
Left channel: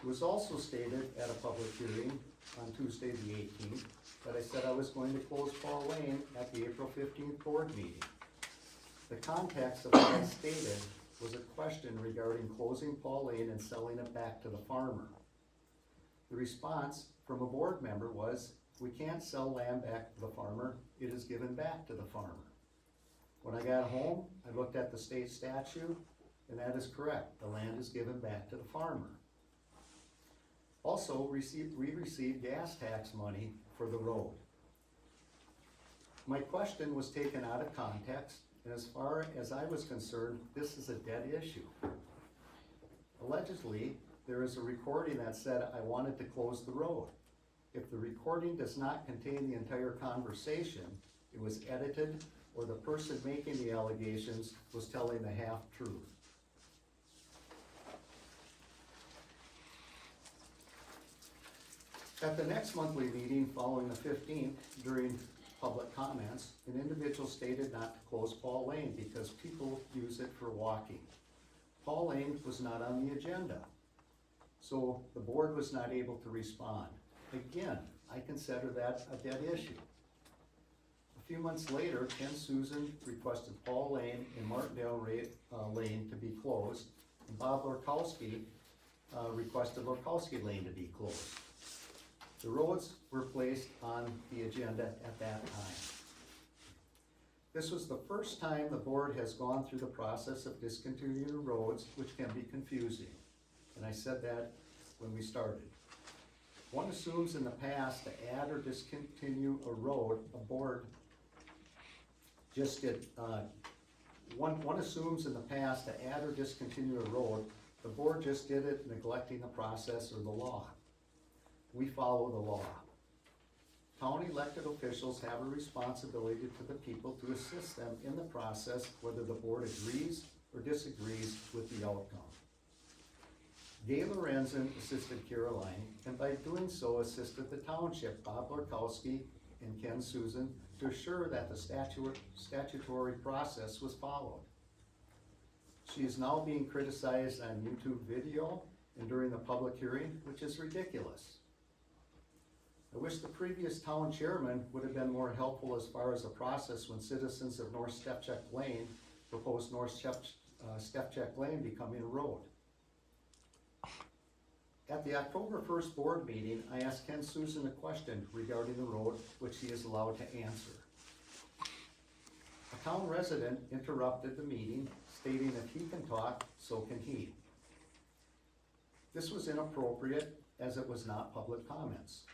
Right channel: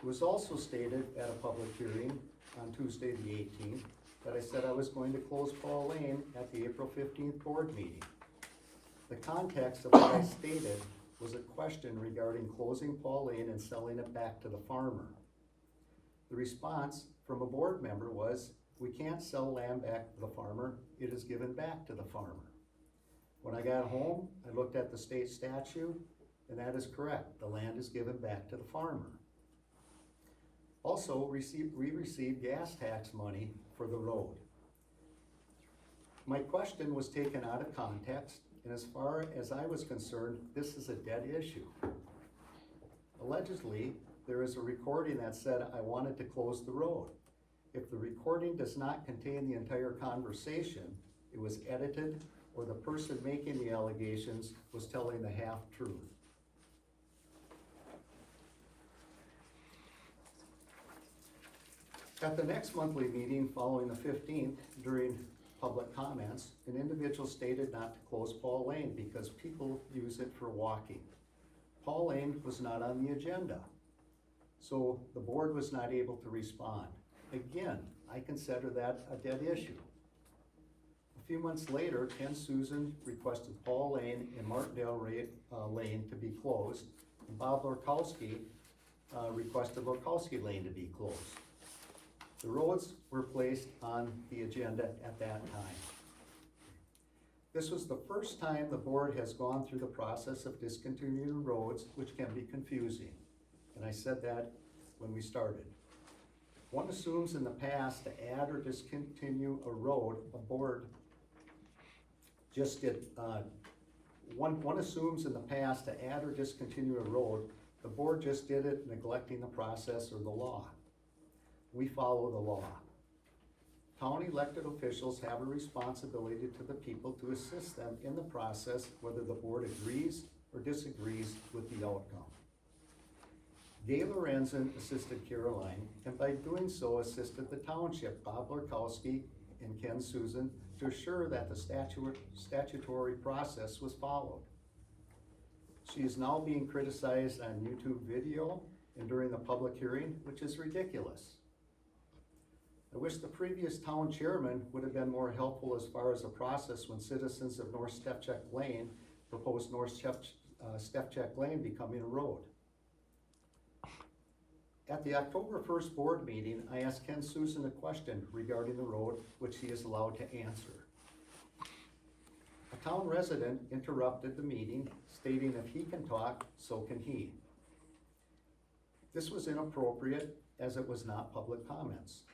It was also stated at a public hearing on Tuesday the 18th that I said I was going to close Paul Lane at the April 15th board meeting. The context of what I stated was a question regarding closing Paul Lane and selling it back to the farmer. The response from a board member was, "We can't sell land back to the farmer, it is given back to the farmer." When I got home, I looked at the state statute, and that is correct. The land is given back to the farmer. Also, we received gas tax money for the road. My question was taken out of context, and as far as I was concerned, this is a dead issue. Allegedly, there is a recording that said I wanted to close the road. If the recording does not contain the entire conversation, it was edited, or the person making the allegations was telling the half-truth. At the next monthly meeting following the 15th, during public comments, an individual stated not to close Paul Lane because people use it for walking. Paul Lane was not on the agenda, so the board was not able to respond. Again, I consider that a dead issue. A few months later, Ken Susan requested Paul Lane and Martindale Lane to be closed, and Bob Lorkowski requested Lorkowski Lane to be closed. The roads were placed on the agenda at that time. This was the first time the board has gone through the process of discontinuing roads, which can be confusing. And I said that when we started. One assumes in the past to add or discontinue a road, a board just did, one assumes in the past to add or discontinue a road, the board just did it neglecting the process or the law. We follow the law. Town elected officials have a responsibility to the people to assist them in the process, whether the board agrees or disagrees with the outcome. Gay Lorenzen assisted Caroline, and by doing so assisted the township, Bob Lorkowski and Ken Susan, to assure that the statutory process was followed. She is now being criticized on YouTube video and during the public hearing, which is ridiculous. I wish the previous town chairman would have been more helpful as far as the process when citizens of North Stepcheck Lane proposed North Stepcheck Lane becoming a road. At the October 1st board meeting, I asked Ken Susan a question regarding the road, which he is allowed to answer. A town resident interrupted the meeting, stating if he can talk, so can he. This was inappropriate, as it was not public comments.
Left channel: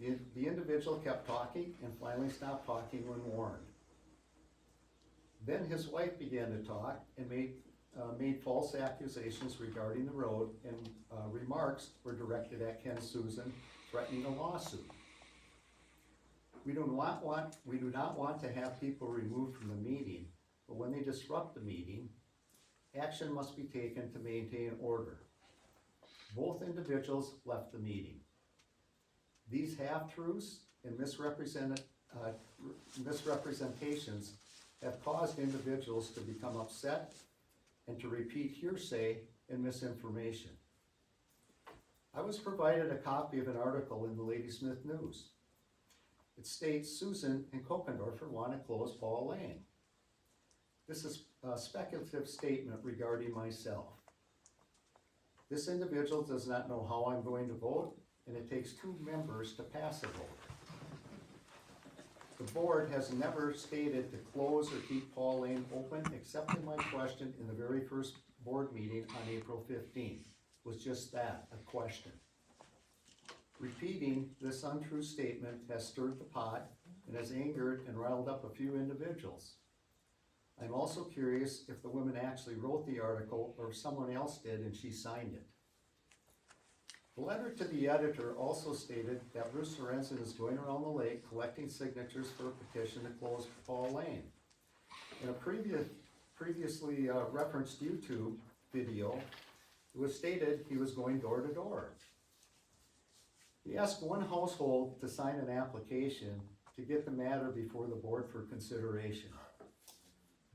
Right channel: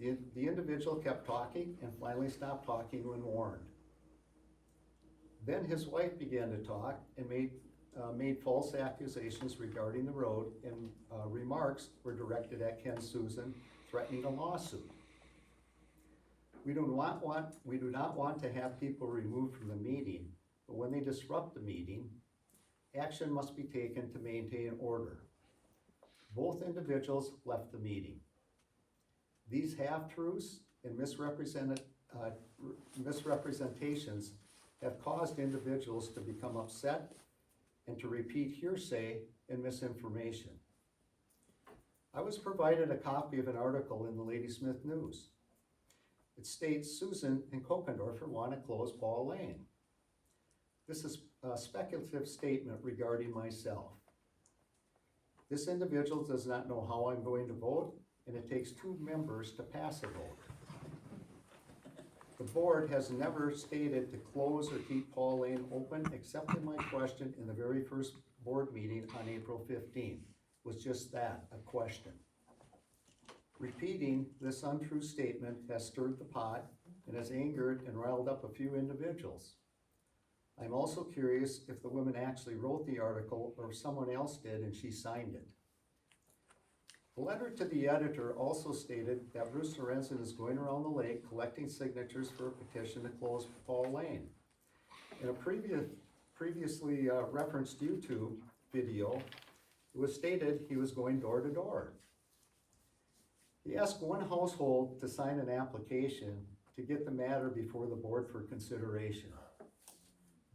The individual kept talking and finally stopped talking when warned. Then his wife began to talk and made false accusations regarding the road, and remarks were directed at Ken Susan, threatening a lawsuit. We do not want to have people removed from the meeting, but when they disrupt the meeting, action must be taken to maintain order. Both individuals left the meeting. These half-truths and misrepresentations have caused individuals to become upset and to repeat hearsay and misinformation. I was provided a copy of an article in the Ladysmith News. It states Susan and Kokendorfer want to close Paul Lane. This is a speculative statement regarding myself. This individual does not know how I'm going to vote, and it takes 2 members to pass a vote. The board has never stated to close or keep Paul Lane open, except in my question in the very first board meeting on April 15th, was just that, a question. Repeating this untrue statement has stirred the pot and has angered and riled up a few individuals. I'm also curious if the woman actually wrote the article or if someone else did and she signed it. The letter to the editor also stated that Bruce Lorenzen is going around the lake collecting signatures for a petition to close Paul Lane. In a previously referenced YouTube video, it was stated he was going door to door. He asked one household to sign an application to get the matter before the board for consideration.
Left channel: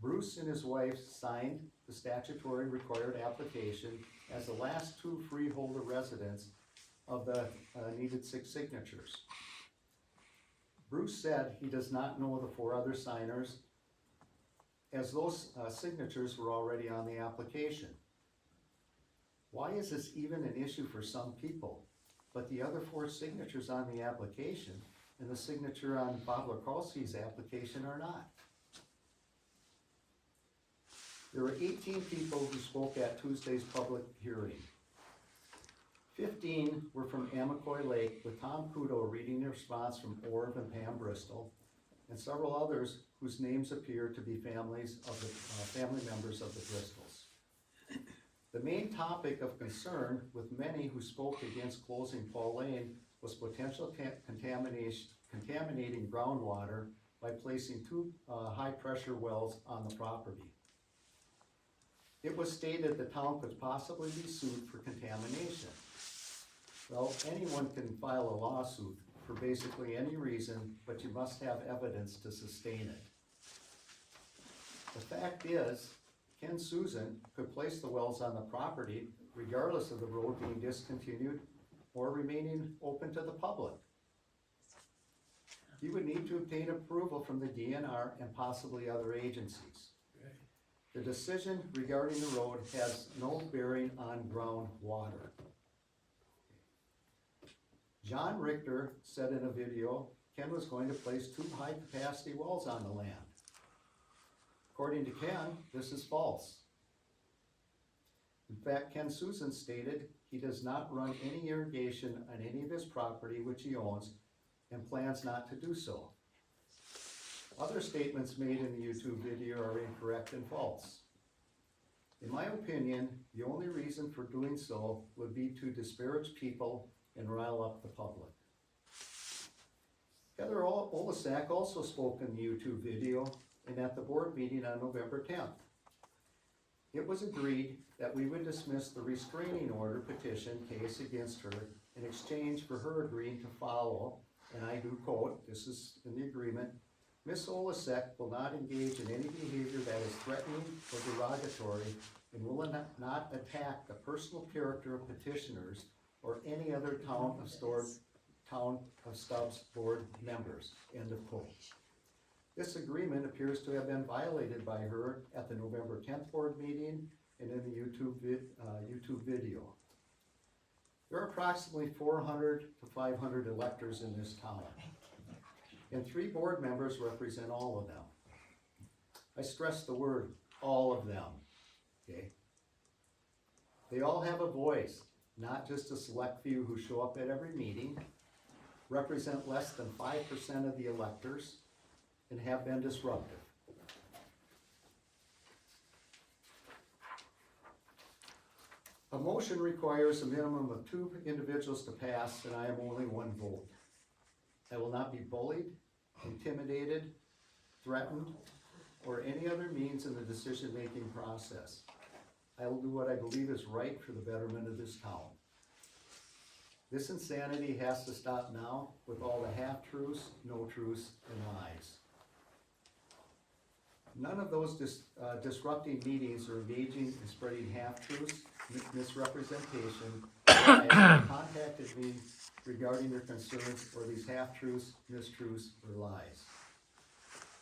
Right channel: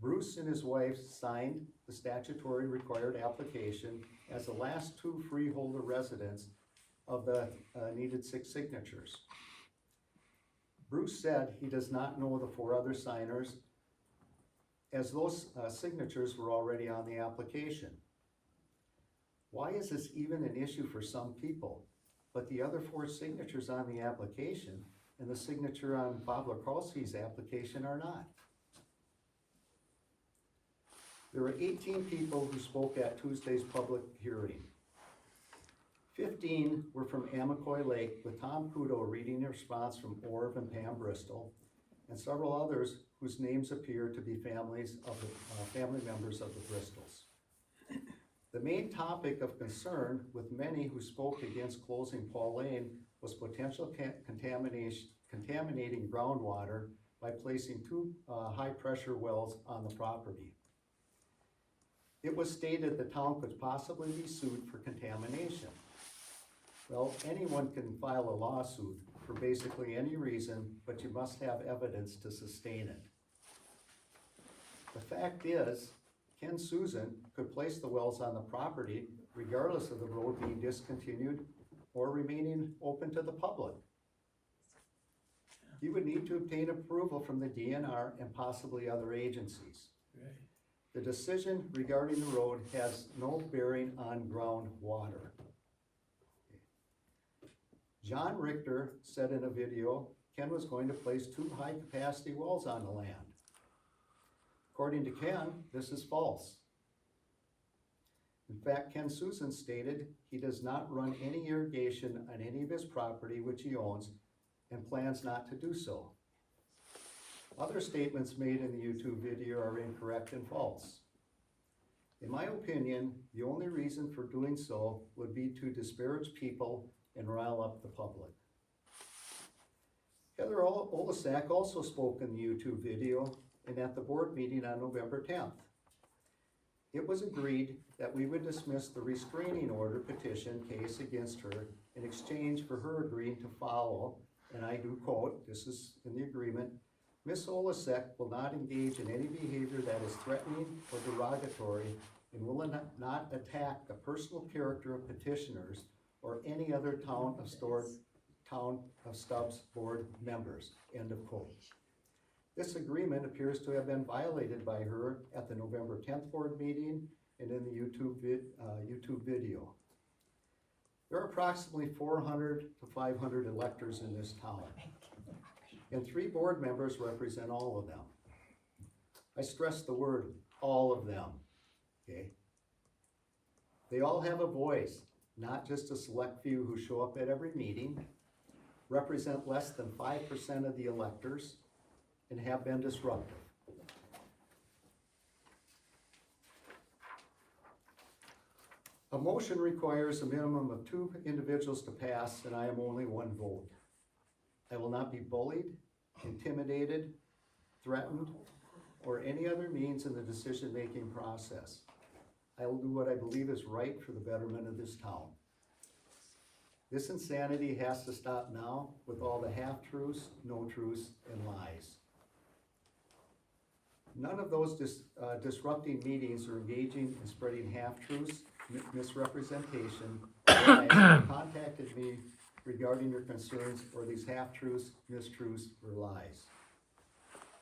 Bruce and his wife signed the statutory required application as the last 2 freeholder residents of the needed 6 signatures. Bruce said he does not know the 4 other signers, as those signatures were already on the application. Why is this even an issue for some people, but the other 4 signatures on the application and the signature on Bob Lorkowski's application are not? There were 18 people who spoke at Tuesday's public hearing. 15 were from Amacoy Lake, with Tom Kudo reading the response from Orv and Pam Bristol, and several others whose names appear to be family members of the Bristols. The main topic of concern with many who spoke against closing Paul Lane was potential contaminating groundwater by placing two high-pressure wells on the property. It was stated the town could possibly be sued for contamination. Well, anyone can file a lawsuit for basically any reason, but you must have evidence to sustain it. The fact is, Ken Susan could place the wells on the property regardless of the road being discontinued or remaining open to the public. He would need to obtain approval from the DNR and possibly other agencies. The decision regarding the road has no bearing on groundwater. John Richter said in a video, Ken was going to place two high-capacity wells on the land. According to Ken, this is false. In fact, Ken Susan stated he does not run any irrigation on any of his property which he owns and plans not to do so. Other statements made in the YouTube video are incorrect and false. In my opinion, the only reason for doing so would be to disparage people and rile up the public. Heather Olasak also spoke in the YouTube video and at the board meeting on November 10th. It was agreed that we would dismiss the restraining order petition case against her in exchange for her agreeing to follow, and I do quote, this is in the agreement, Ms. Olasak will not engage in any behavior that is threatening or derogatory and will not attack the personal character of petitioners or any other Town of Stubbs board members, end of quote. This agreement appears to have been violated by her at the November 10th board meeting and in the YouTube video. There are approximately 400 to 500 electors in this town, and 3 board members represent all of them. I stress the word, all of them, okay? They all have a voice, not just a select few who show up at every meeting, represent less than 5% of the electors, and have been disruptive. A motion requires a minimum of 2 individuals to pass, and I am only 1 vote. I will not be bullied, intimidated, threatened, or any other means in the decision-making process. I will do what I believe is right for the betterment of this town. This insanity has to stop now with all the half-truths, no-truths, and lies. None of those disrupting meetings or engaging in spreading half-truths, misrepresentation, have contacted me regarding your concerns or these half-truths, mistruths, or lies.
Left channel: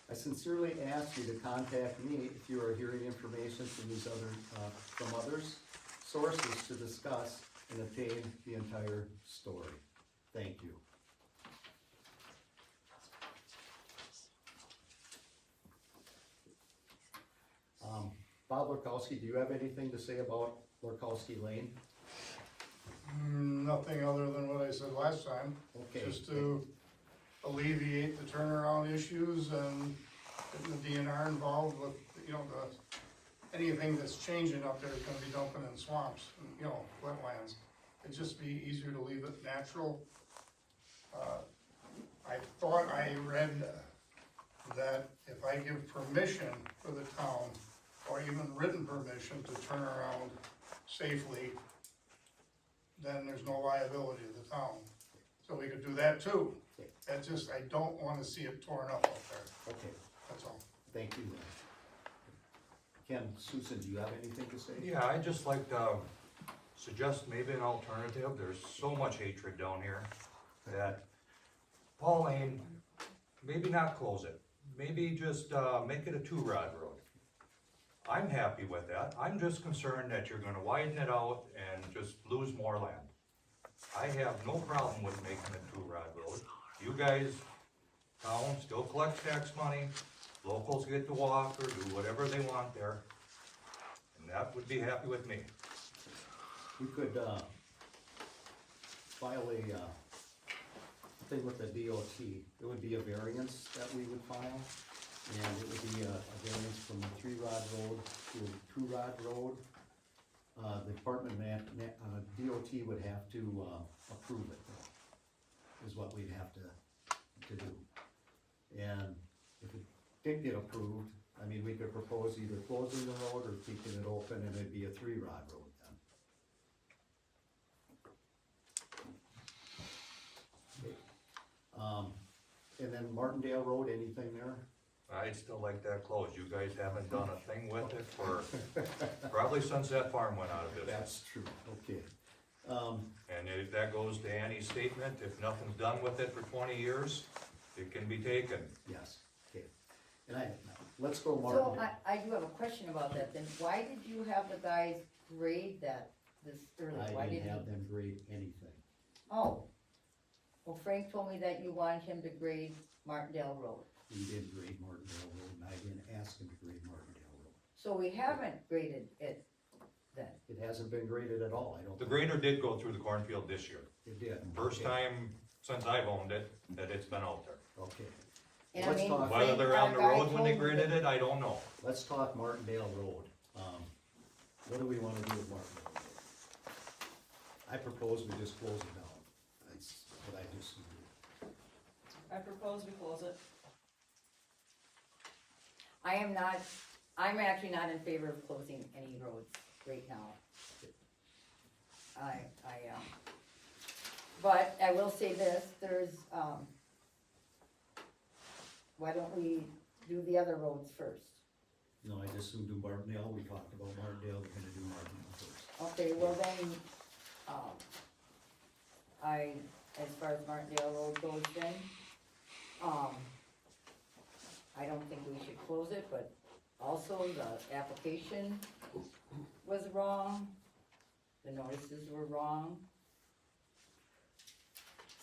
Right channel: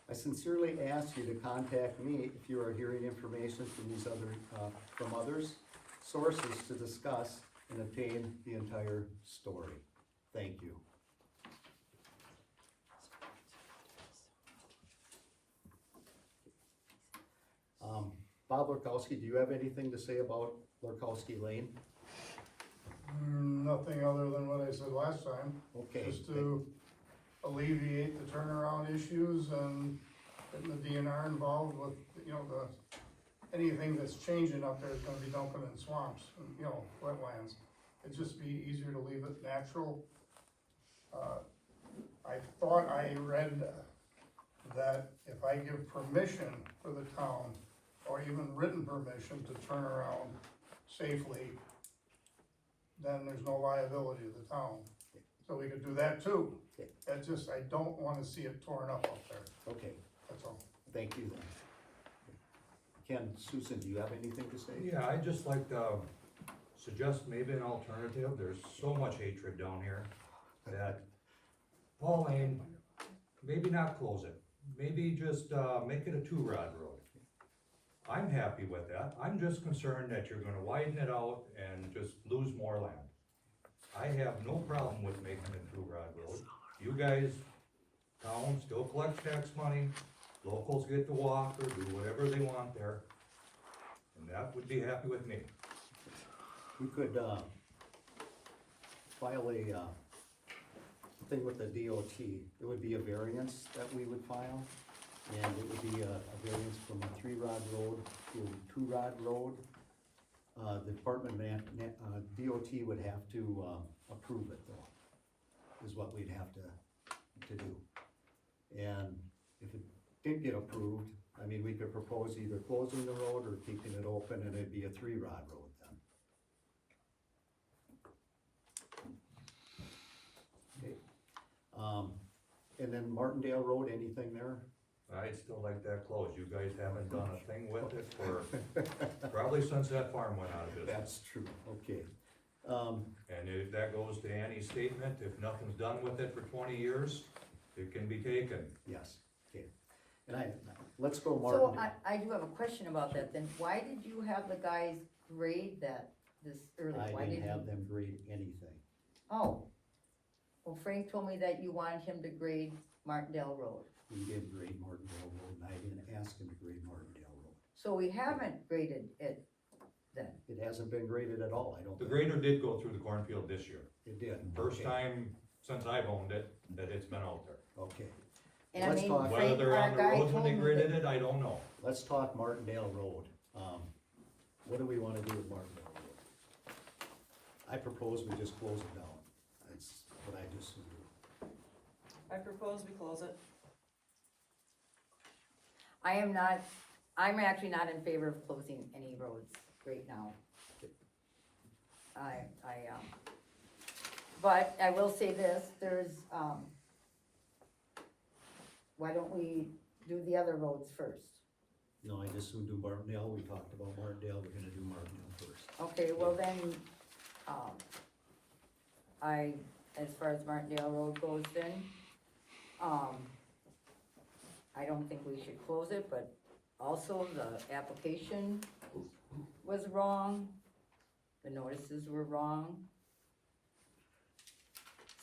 I sincerely ask you to contact me if you are hearing information from these from others sources to discuss and obtain the entire story. Thank you. Bob Lurkowski, do you have anything to say about Lurkowski Lane? Nothing other than what I said last time. Okay. Just to alleviate the turnaround issues and getting the DNR involved with, anything that's changing up there is gonna be dumping in swamps and, wetlands. It'd just be easier to leave it natural. I thought I read that if I give permission for the town, or even written permission to turn around safely, then there's no liability to the town. So we could do that too. Okay. That's just, I don't wanna see it torn up out there, Okay, that's all. thank you. Ken, Susan, do you have anything to say? Yeah, I'd just like to suggest maybe an alternative. There's so much hatred down here that Paul Lane, maybe not close it. Maybe just make it a 2-rod road. I'm happy with that. I'm just concerned that you're gonna widen it out and just lose more land. I have no problem with making it 2-rod road. You guys, town still collects tax money, locals get to walk or do whatever they want there. And that would be happy with me. We could, file a, thing with the DOT. It would be a variance that we would file, and it would be a variance from a 3-rod road to a 2-rod road. The Department of DOT would have to, approve it though, is what we'd have to do. And if it didn't get approved, I mean, we could propose either closing the road or keeping it open, and it'd be a 3-rod road then. Okay. And then Martindale Road, anything there? I'd still like that closed. You guys haven't done a thing with it for, probably since that farm went out of business. That's true, okay. And if that goes to Annie's statement, if nothing's done with it for 20 years, it can be taken. Yes, okay. And let's go So Martindale. I do have a question about that then. Why did you have the guys grade that this early? Why I didn't you- have them grade anything. Oh, well, Frank told me that you wanted him to grade Martindale Road. He did grade Martindale Road, and I didn't ask him to grade Martindale Road. So we haven't graded it then. It hasn't been graded at all, I don't The think. grader did go through the cornfield this year. It did. First Okay. time since I've owned it that it's been out there. Okay, And I Let's mean, talk- Whether Frank, they're our on the guy road when they told me graded that- it, I don't know. let's talk Martindale Road. What do we wanna do with Martindale Road? I propose we just close it down. That's what I just do. I propose we close it. I'm actually not in favor of closing any roads right now. But I will say this, why don't we do the other roads first? No, I just soon do Martindale. We talked about Martindale, we're gonna do Martindale first. Okay, well then, as far as Martindale Road goes then, I don't think we should close it, but also the application was wrong, the notices were wrong.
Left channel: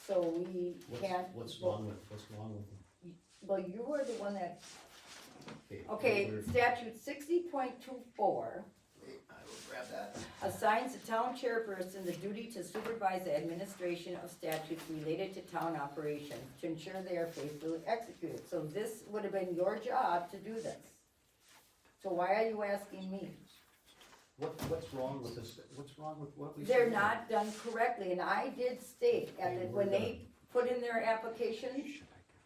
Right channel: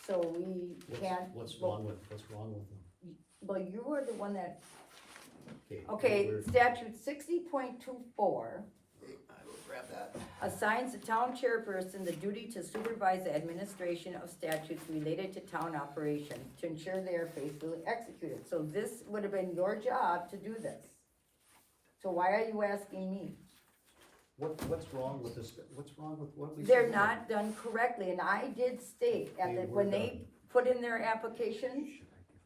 So we can't. What's wrong with them? Well, you were the one that, Okay. okay, we're- statute 60.24 I will grab that. assigns the town chairperson the duty to supervise the administration of statutes related to town operations to ensure they are faithfully executed. So this would have been your job to do this. So why are you asking me? What's wrong with this? What's wrong with what we? They're submitted? not done correctly, and I did state, when they put in their applications,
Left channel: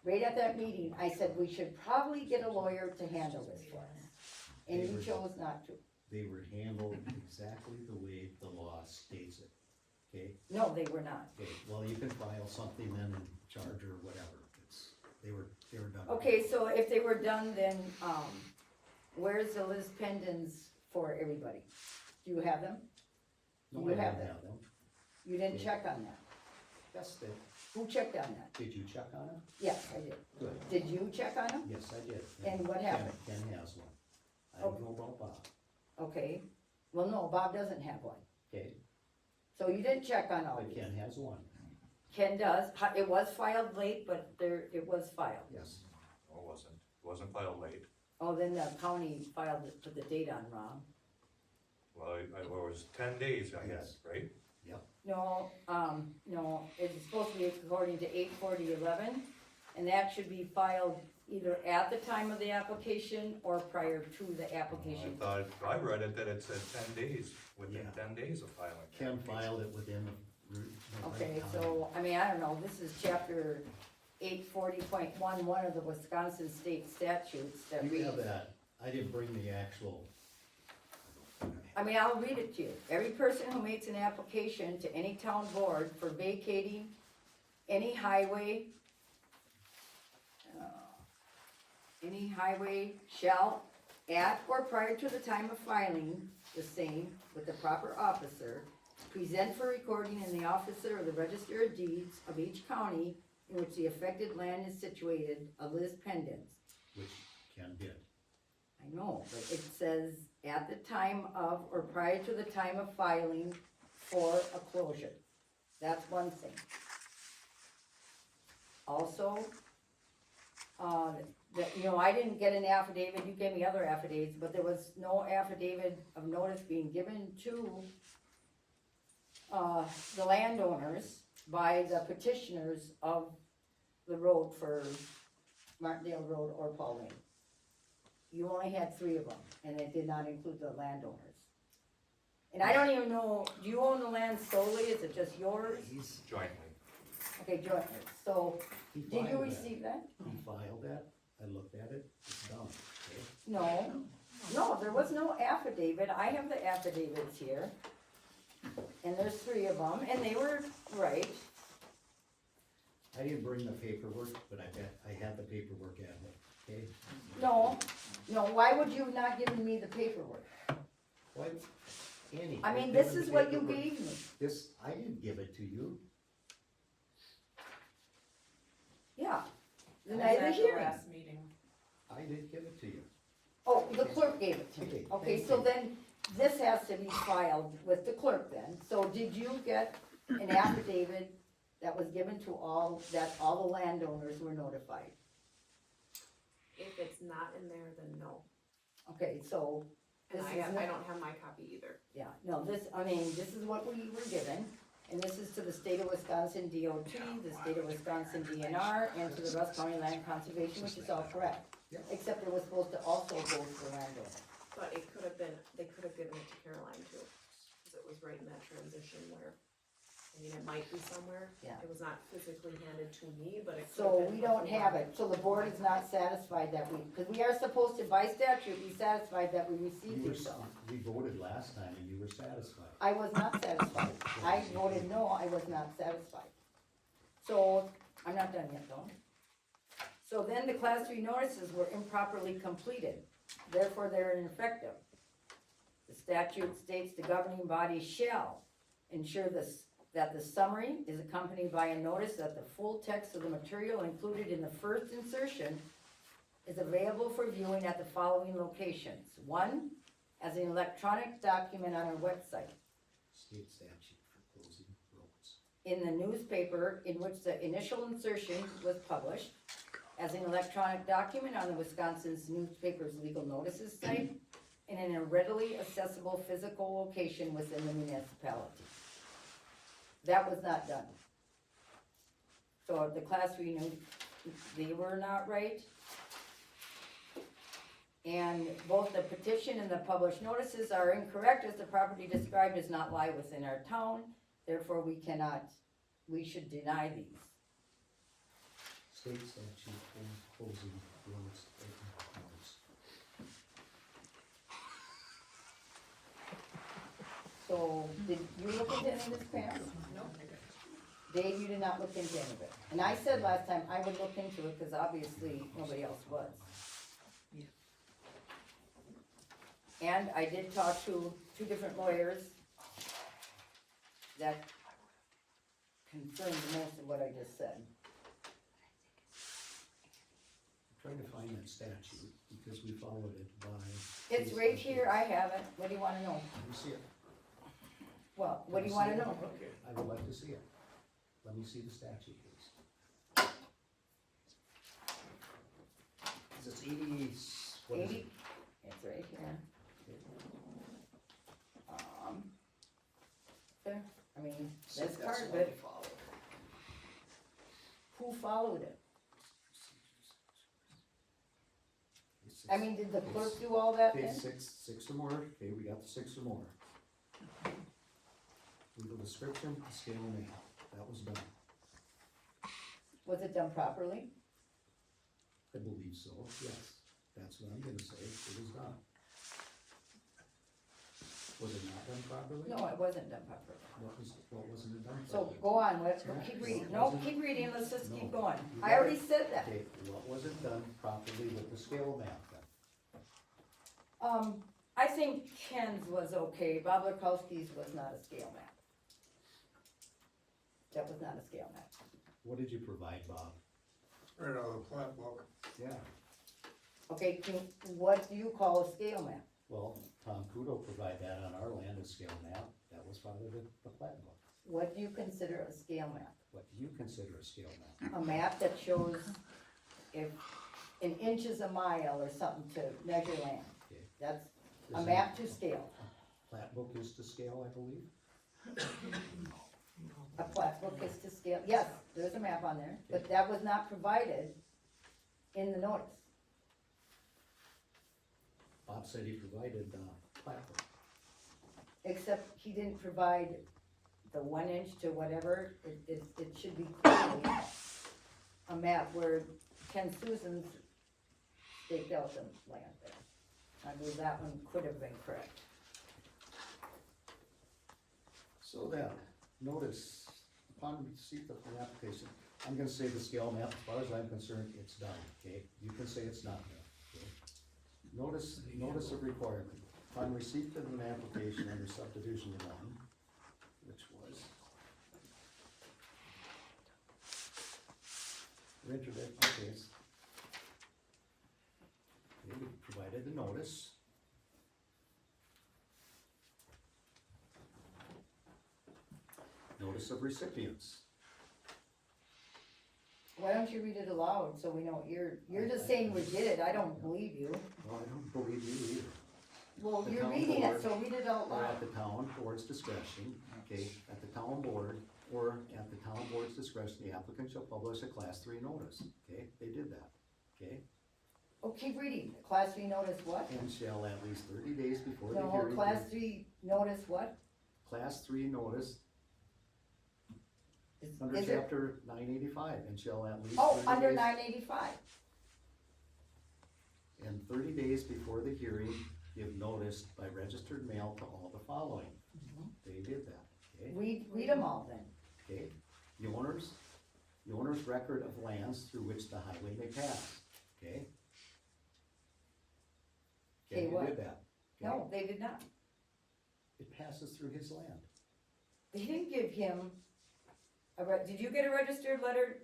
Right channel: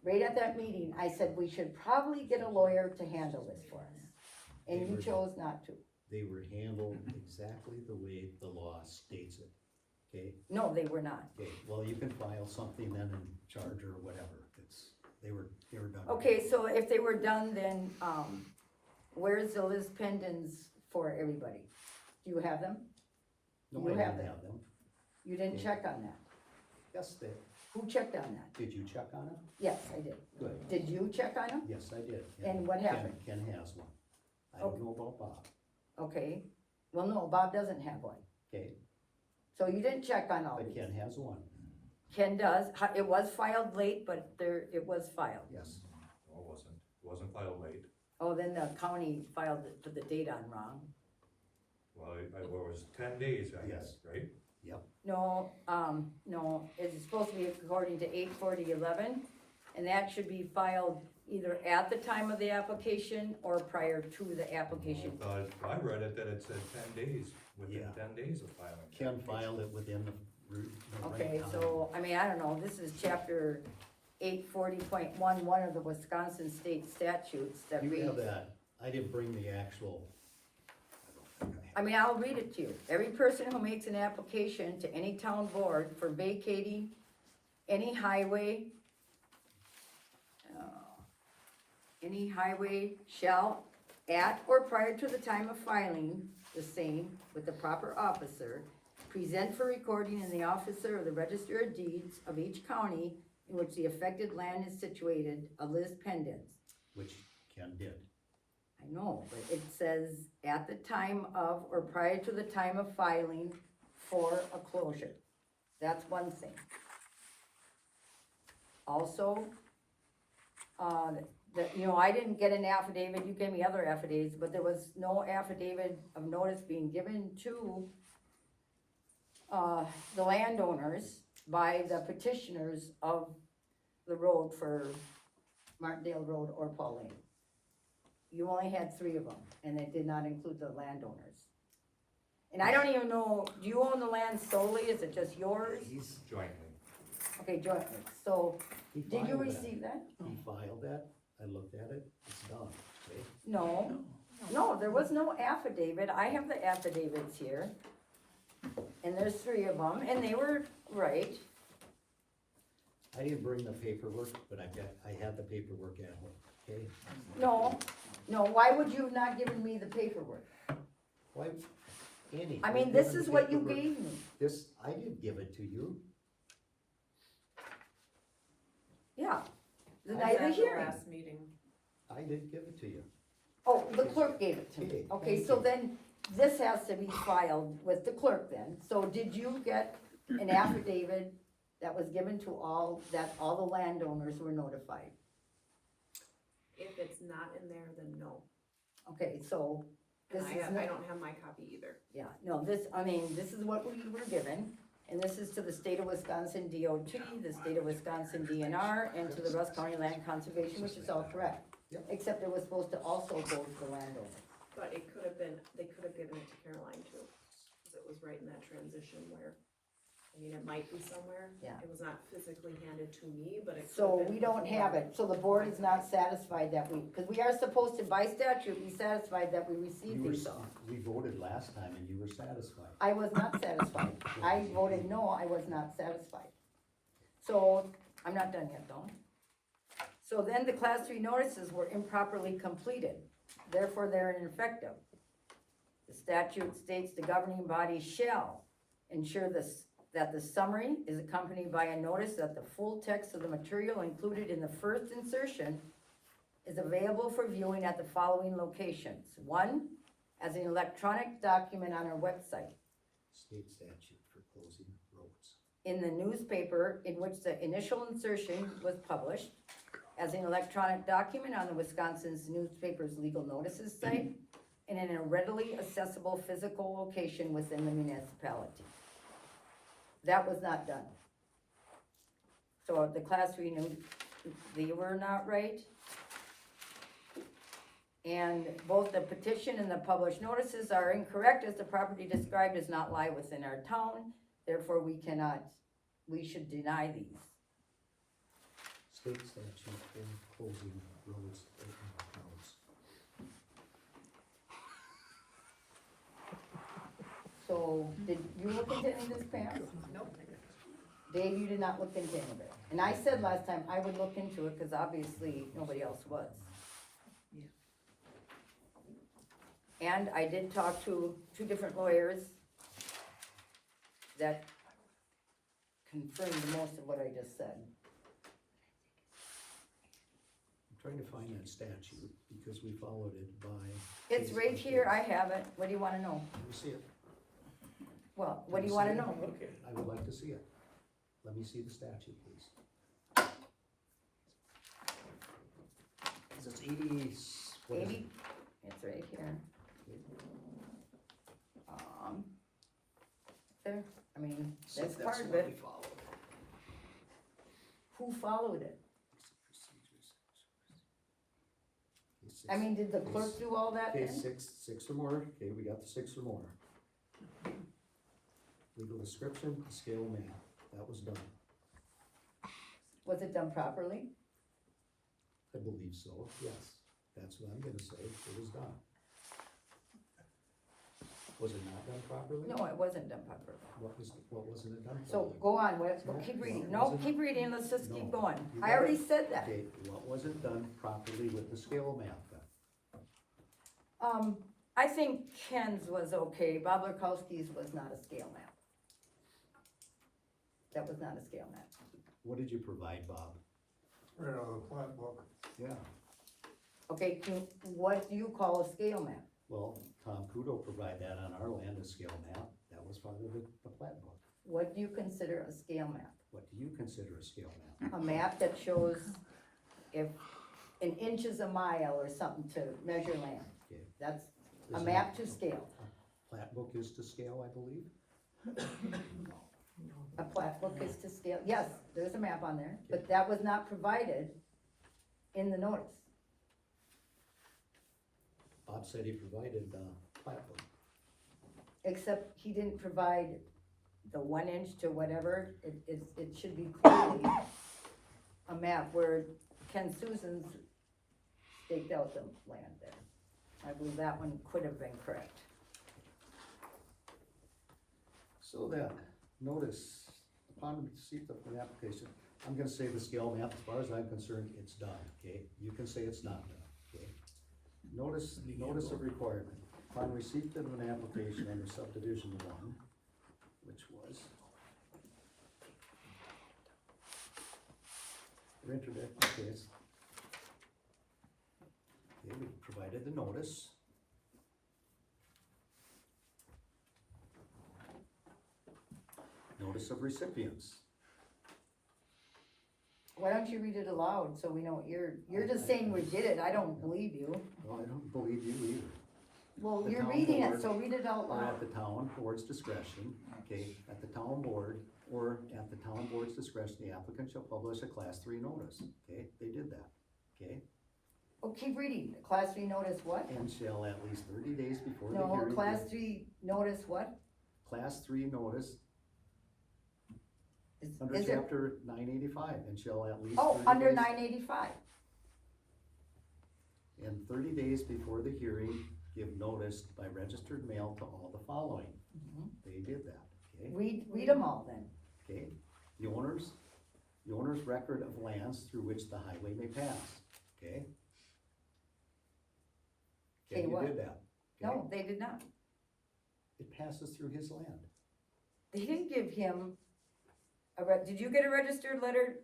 right at that meeting, I said we should probably get a lawyer to handle this for us. And you chose not to. They were handled exactly the way the law states it, okay? No, they were not. Okay, well, you can file something then and charge or whatever, they were done. Okay, so if they were done, then, where's the Liz pendants for everybody? Do you have them? No, you I have didn't them. have them. You didn't Okay. check on that? Yes, Who checked on that? did you check on it? Yes, I did. Good, Did you check on them? yes, I did. And what happened? Ken has one. I don't know about Bob, Okay, well, no, Bob doesn't have one. okay, So you didn't check on all but these. Ken has one, Ken does, it was filed late, but it was filed. yes. No, it wasn't filed late. Oh, then the county filed it, put the date on wrong. Well, it was 10 days, I guess, right? No, no, it's supposed to be according to 8/40/11, and that should be filed either at the time of the application or prior to the application. I read it that it said 10 days, within Yeah. 10 days of filing. Ken filed it within the right Okay, time. so, I mean, I don't know, this is chapter 840.1, one of the Wisconsin state statutes that You have reads. that, I didn't bring the actual. I mean, I'll read it to you. Every person who makes an application to any town board for vacating any highway, shall, at or prior to the time of filing the same with the proper officer, present for recording in the officer of the Register of Deeds of each county in which the affected land is situated, a list pendants. Which Ken did. I know, but it says at the time of or prior to the time of filing for a closure. That's one thing. Also, I didn't get an affidavit, you gave me other affidavits, but there was no affidavit of notice being given to the landowners by the petitioners of the road for Martindale Road or Pauline. You only had 3 of them, and it did not include the landowners. And I don't even know, do you own the land solely, is it just yours? Jointly. Okay, jointly, so, He did you filed that. receive that? He filed that, I looked at it, it's done, okay? No, there was no affidavit, I have the affidavits here. And there's 3 of them, and they were right. I didn't bring the paperwork, but I had the paperwork at home, okay? No, why would you have not given me the paperwork? Why, Annie? I mean, you've this given is the what you paperwork. gave me. This, I didn't give it to you. Yeah, the I night was of the at the hearing. last meeting. I did give it to you. Oh, the clerk gave it to me. Okay, Okay, thank so you. then this has to be filed with the clerk then. So did you get an affidavit that was given to all the landowners were notified? If it's not in there, then no. Okay, so And this is I not, don't have my copy either. yeah, no, this is what we were given. And this is to the state of Wisconsin DOT, the state of Wisconsin DNR, and to the Russ County Land Conservation, which is all correct. Yep. Except it was supposed to also go to the landowner. But it could have been, they could have given it to Caroline too, cause it was right in that transition where, I mean, it might be somewhere. Yeah. It was not physically handed to me, but it could have So been. we don't before. have it, so the board is not satisfied that because we are supposed to, by statute, be satisfied that we received You were, these. we voted last time and you were satisfied. I was not satisfied. I voted no, I was not satisfied. So, I'm not done yet though. So then the class 3 notices were improperly completed, therefore they're ineffective. The statute states the governing body shall ensure that the summary is accompanied by a notice that the full text of the material included in the first insertion is available for viewing at the following locations. 1, as an electronic document on our website, State statute for closing roads. in the newspaper in which the initial insertion was published, as an electronic document on the Wisconsin's newspaper's legal notices site, and in a readily accessible physical location within the municipality. That was not done. So the class 3 knew they were not right. And both the petition and the published notices are incorrect, as the property described does not lie within our town, therefore we should deny these. State statute for closing roads, open roads. So, did you look into any of this, Pam? Nope. Dave, you did not look into any of it. And I said last time I would look into it, cause obviously nobody else was. And I did talk to 2 different lawyers that confirmed most of what I just said. I'm trying to find that statute because we followed it by. It's case right by here, case. I have it, what do you wanna know? Let me see it. Well, what do you wanna know? I would like to see it. Let me see the statute, please. Is this 80, what is it? 80? It's right here. There, I mean, that's part of it. Who followed it? I mean, did the clerk do all that Okay, then? six or more, okay, we got the 6 or more. Legal description, scale name, that was done, Was it done properly? I believe so, yes, that's what I'm gonna say, it was done. Was it not done properly? No, it wasn't done properly. What wasn't it done So properly? go on, keep reading, no, keep reading, let's just keep going. I already said that. Okay, what wasn't done properly with the scale map then? I think Ken's was okay, Bob Lurkowski's was not a scale map. That was not a scale map. What did you provide, Bob? Right out of the plat book. Yeah. Okay, what do you call a scale map? Well, Tom Kudo provided that on our land, a scale map, that was part of the plat book. What do you consider a scale map? What do you consider a scale map? A map that shows if an inch is a mile or something to measure land. Okay. That's a Is map it- to scale. Plat book is to scale, I believe? A plat book is to scale, yes, there's a map on there, but that was not provided in the notice. Bob said he provided, plat book. Except he didn't provide the 1 inch to whatever, it should be clearly a map where Ken Susan's staked out the land there. I believe that one could have been correct. So then, notice, upon receipt of an application, I'm gonna say the scale map, as far as I'm concerned, it's done, okay? You can say it's not done, okay? Notice of requirement, upon receipt of an application under subdivision 1, which was rented it, okay, it's, okay, we provided the notice. Notice of recipients. Why don't you read it aloud so we know what you're just saying we did it, I don't believe you. Well, I don't believe you either. Well, The you're town reading it, board, so read it out Or loud. at the town board's discretion, okay, at the town board, or at the town board's discretion, the applicant shall publish a class 3 notice, okay, they did that, okay? Oh, keep reading, class 3 notice what? And shall at least 30 days before the No, hearing. class give- 3 notice what? Class 3 notice Is under it- chapter 985, and shall at least Oh, 30 under days. 985. And 30 days before the hearing, give notice by registered mail to all the following. Mhm. They did that, okay? Read them all then. Okay, the owner's record of lands through which the highway may pass, okay? Okay, Okay, you what? did that, okay? No, they did not. It passes through his land. They didn't give him did you get a registered letter?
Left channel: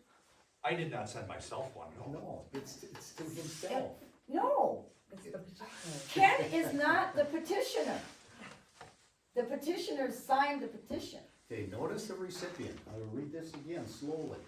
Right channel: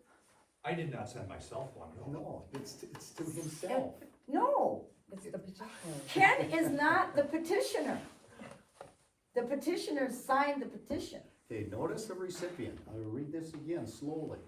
I did not send myself one, no. No, it's to himself. No. Ken is not the petitioner. The petitioner signed the petition. Okay, notice of recipient, I will read this again slowly.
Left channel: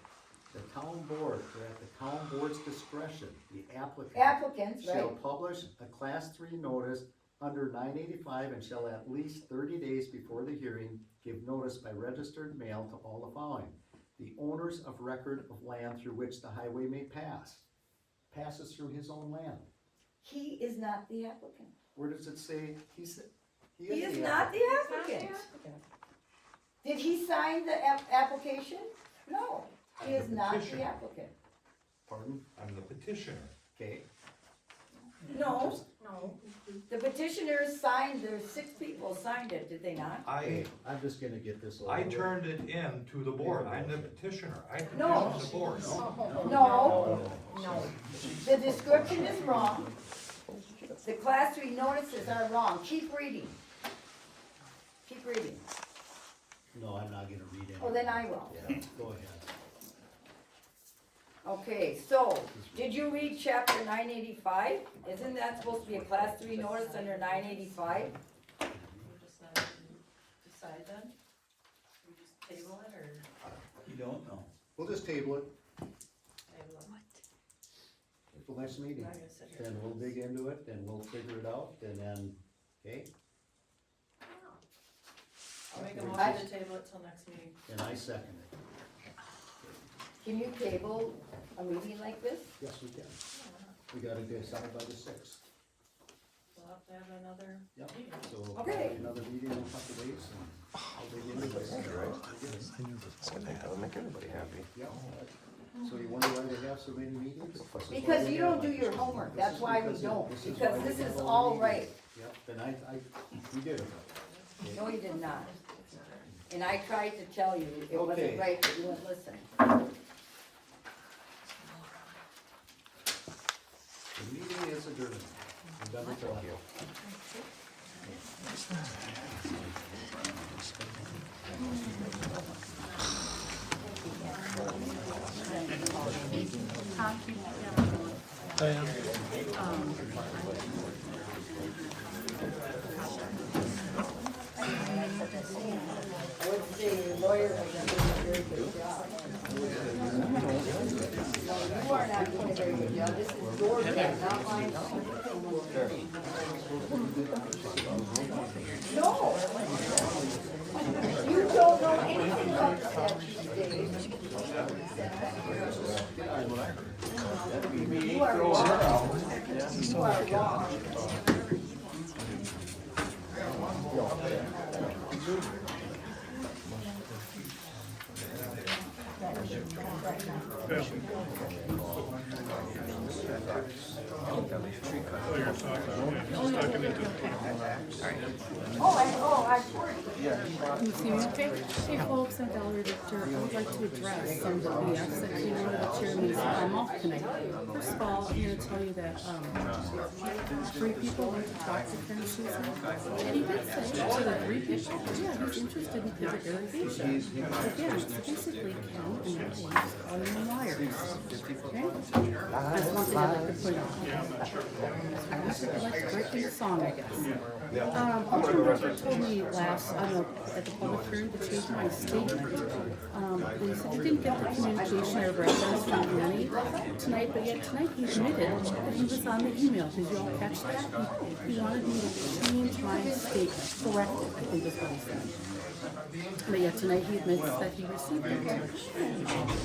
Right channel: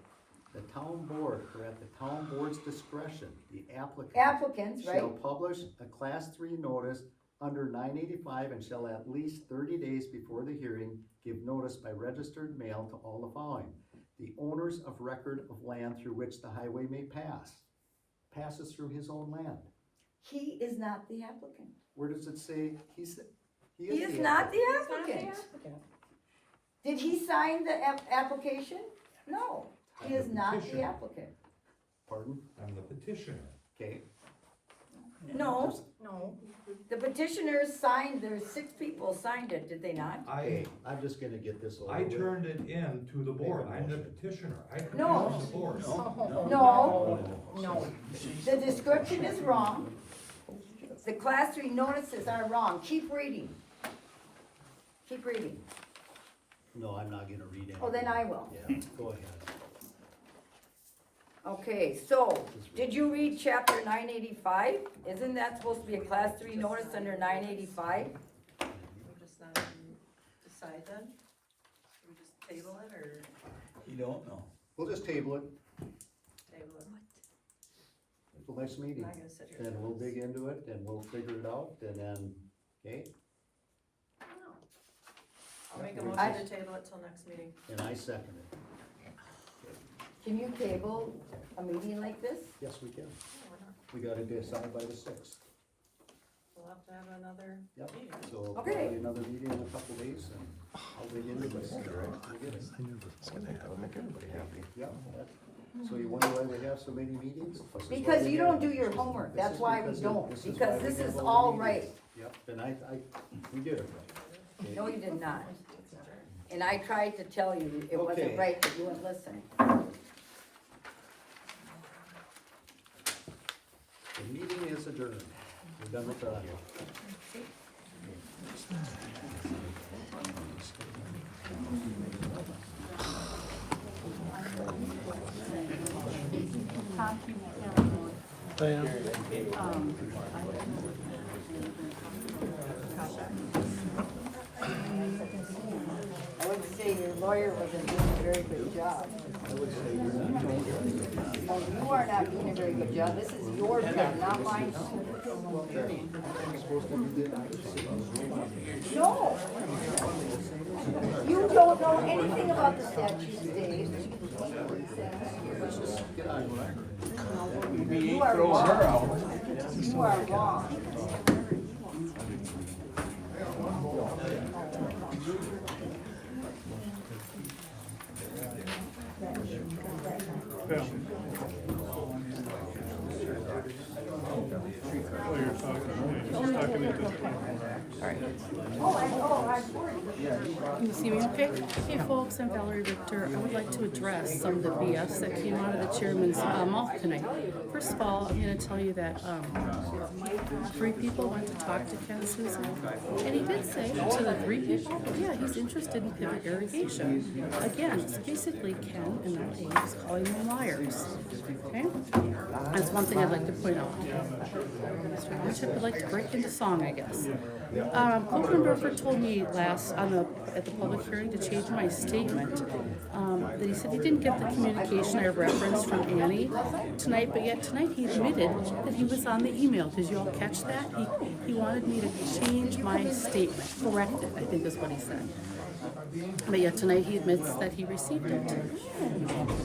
The town board, or at the town board's discretion, the applicant Applicants, shall right? publish a class 3 notice under 985 and shall at least 30 days before the hearing give notice by registered mail to all the following. The owners of record of land through which the highway may pass, passes through his own land. He is not the applicant. Where does it say, he is He is not the applicant. Did he sign the application? No, he is not the Petitioner. applicant. Pardon? I'm the petitioner. Okay, No, the petitioners signed, there's 6 people signed it, did they not? okay, I'm just gonna get this over I with. turned it in to the board, I'm the petitioner, I No. petitioned the board. No, the description is wrong. The class 3 notices are wrong. Keep reading. Keep reading. No, I'm not gonna read anything. Oh, then I will. Yeah, go ahead. Okay, so, did you read chapter 985? Isn't that supposed to be a class 3 notice under 985? We'll just not decide then? We just table it or You don't know. We'll just table it table it? till next meeting. I'm not gonna sit here. Then we'll dig into it, and we'll figure it out, and then, okay, I'll make a Yeah, motion to table it till next meeting. and I second it. Can you table a meeting like this? Yes, we can. Yeah, why not? We gotta decide by the 6th. We'll have to have another Yep. meeting. So Okay. probably another meeting in a couple days, and I'll dig into this. We'll get it. I knew it was gonna happen, make everybody happy. Yeah. So you wonder why they have so many meetings? This is why Because they you have- don't do your homework, This that's is why we because don't, this is because why we this have is all the all meetings. right. Yep, and we did it right. Okay. No, you did not. And I tried to tell you it Okay. wasn't right, but you wouldn't listen. The meeting is adjourned. We're done with that. Diane? I would say your lawyer wasn't doing a very good job. I would say you're not doing it. No, you are not doing a very good job, this is your pen, not mine. No. You don't know anything about Can you see me okay? Hey folks, I'm Valerie Richter. I would like to address some of the BS that came out of the chairman's mouth tonight. First of all, I'm gonna tell you that, 3 people went to talk to Ken Susan, and he did say to the 3 people, yeah, he's interested in pivot irrigation. Again, so basically Ken and not Dave is calling them liars, okay? That's one thing I'd like to point out. I'd like to break into song, I guess. Councilman Burford told me at the public hearing to change my statement. That he said he didn't get the communication I referenced from Annie tonight, but yet tonight he admitted that he was on the email. Did you all catch that? He wanted me to change my statement, correct it, I think is what he said. But yet tonight he admits that he received it.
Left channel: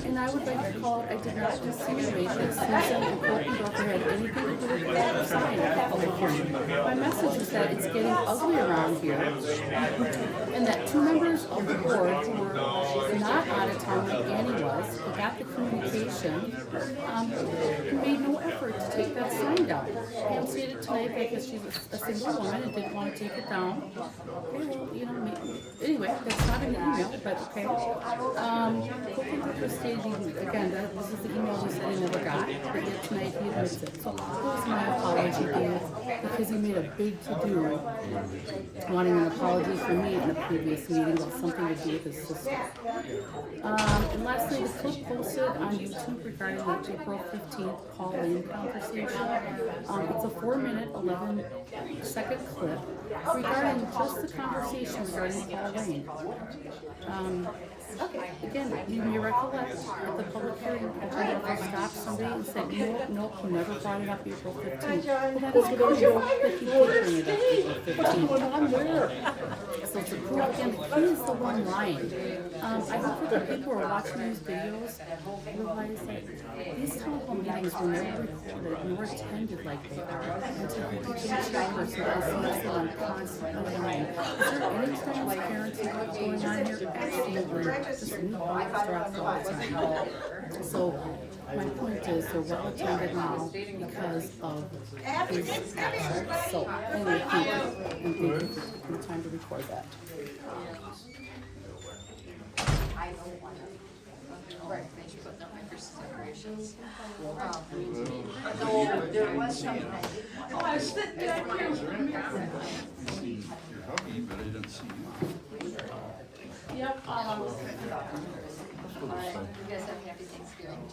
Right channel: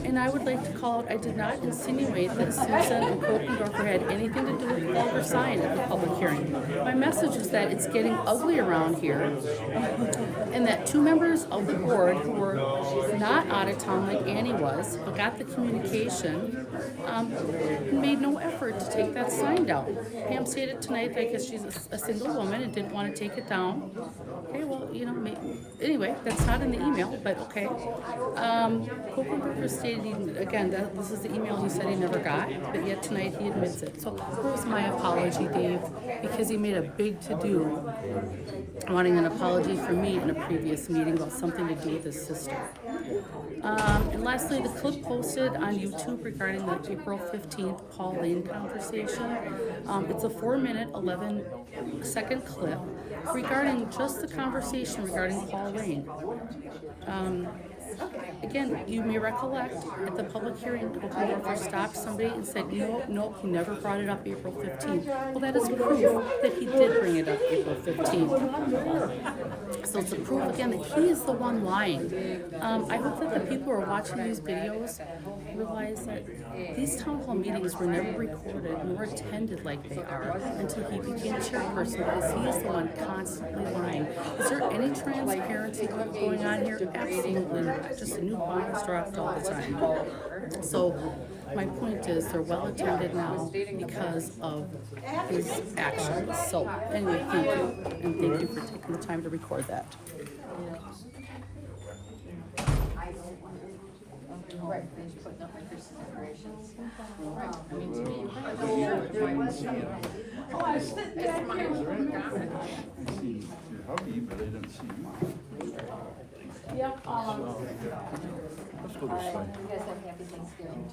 And I would like to call it, I did not insinuate that Susan and Kokendorfer had anything to do with Walter sign at the public hearing. My message is that it's getting ugly around here, and that 2 members of the board who were not out of town like Annie was, but got the communication, made no effort to take that sign down. Pam stated tonight that I guess she's a single woman and didn't want to take it down. Okay, well, you know, anyway, that's not in the email, but okay. Kokendorfer stated, again, this is the email he said he never got, but yet tonight he admits it. So here's my apology, Dave, because he made a big to-do wanting an apology from me in a previous meeting about something to do with his sister. And lastly, the clip posted on YouTube regarding the April 15th Paul Lane conversation. It's a 4-minute, 11-second clip regarding just the conversation regarding Paul Lane. Again, you may recollect at the public hearing, Kokendorfer stopped somebody and said, nope, he never brought it up April 15th. Well, that is proof that he did bring it up April 15th. So it's a proof again that he is the one lying. I hope that the people who are watching these videos realize that these town hall meetings were never recorded nor attended like they are until he became chairperson, because he is the one constantly lying. Is there any transparency going on here? Absolutely not. Just a new bombs dropped all the time. So my point is they're well attended now because of his actions. So anyway, thank you. And thank you for taking the time to record that. There was something I sit back here. Yep, you guys have a happy Thanksgiving.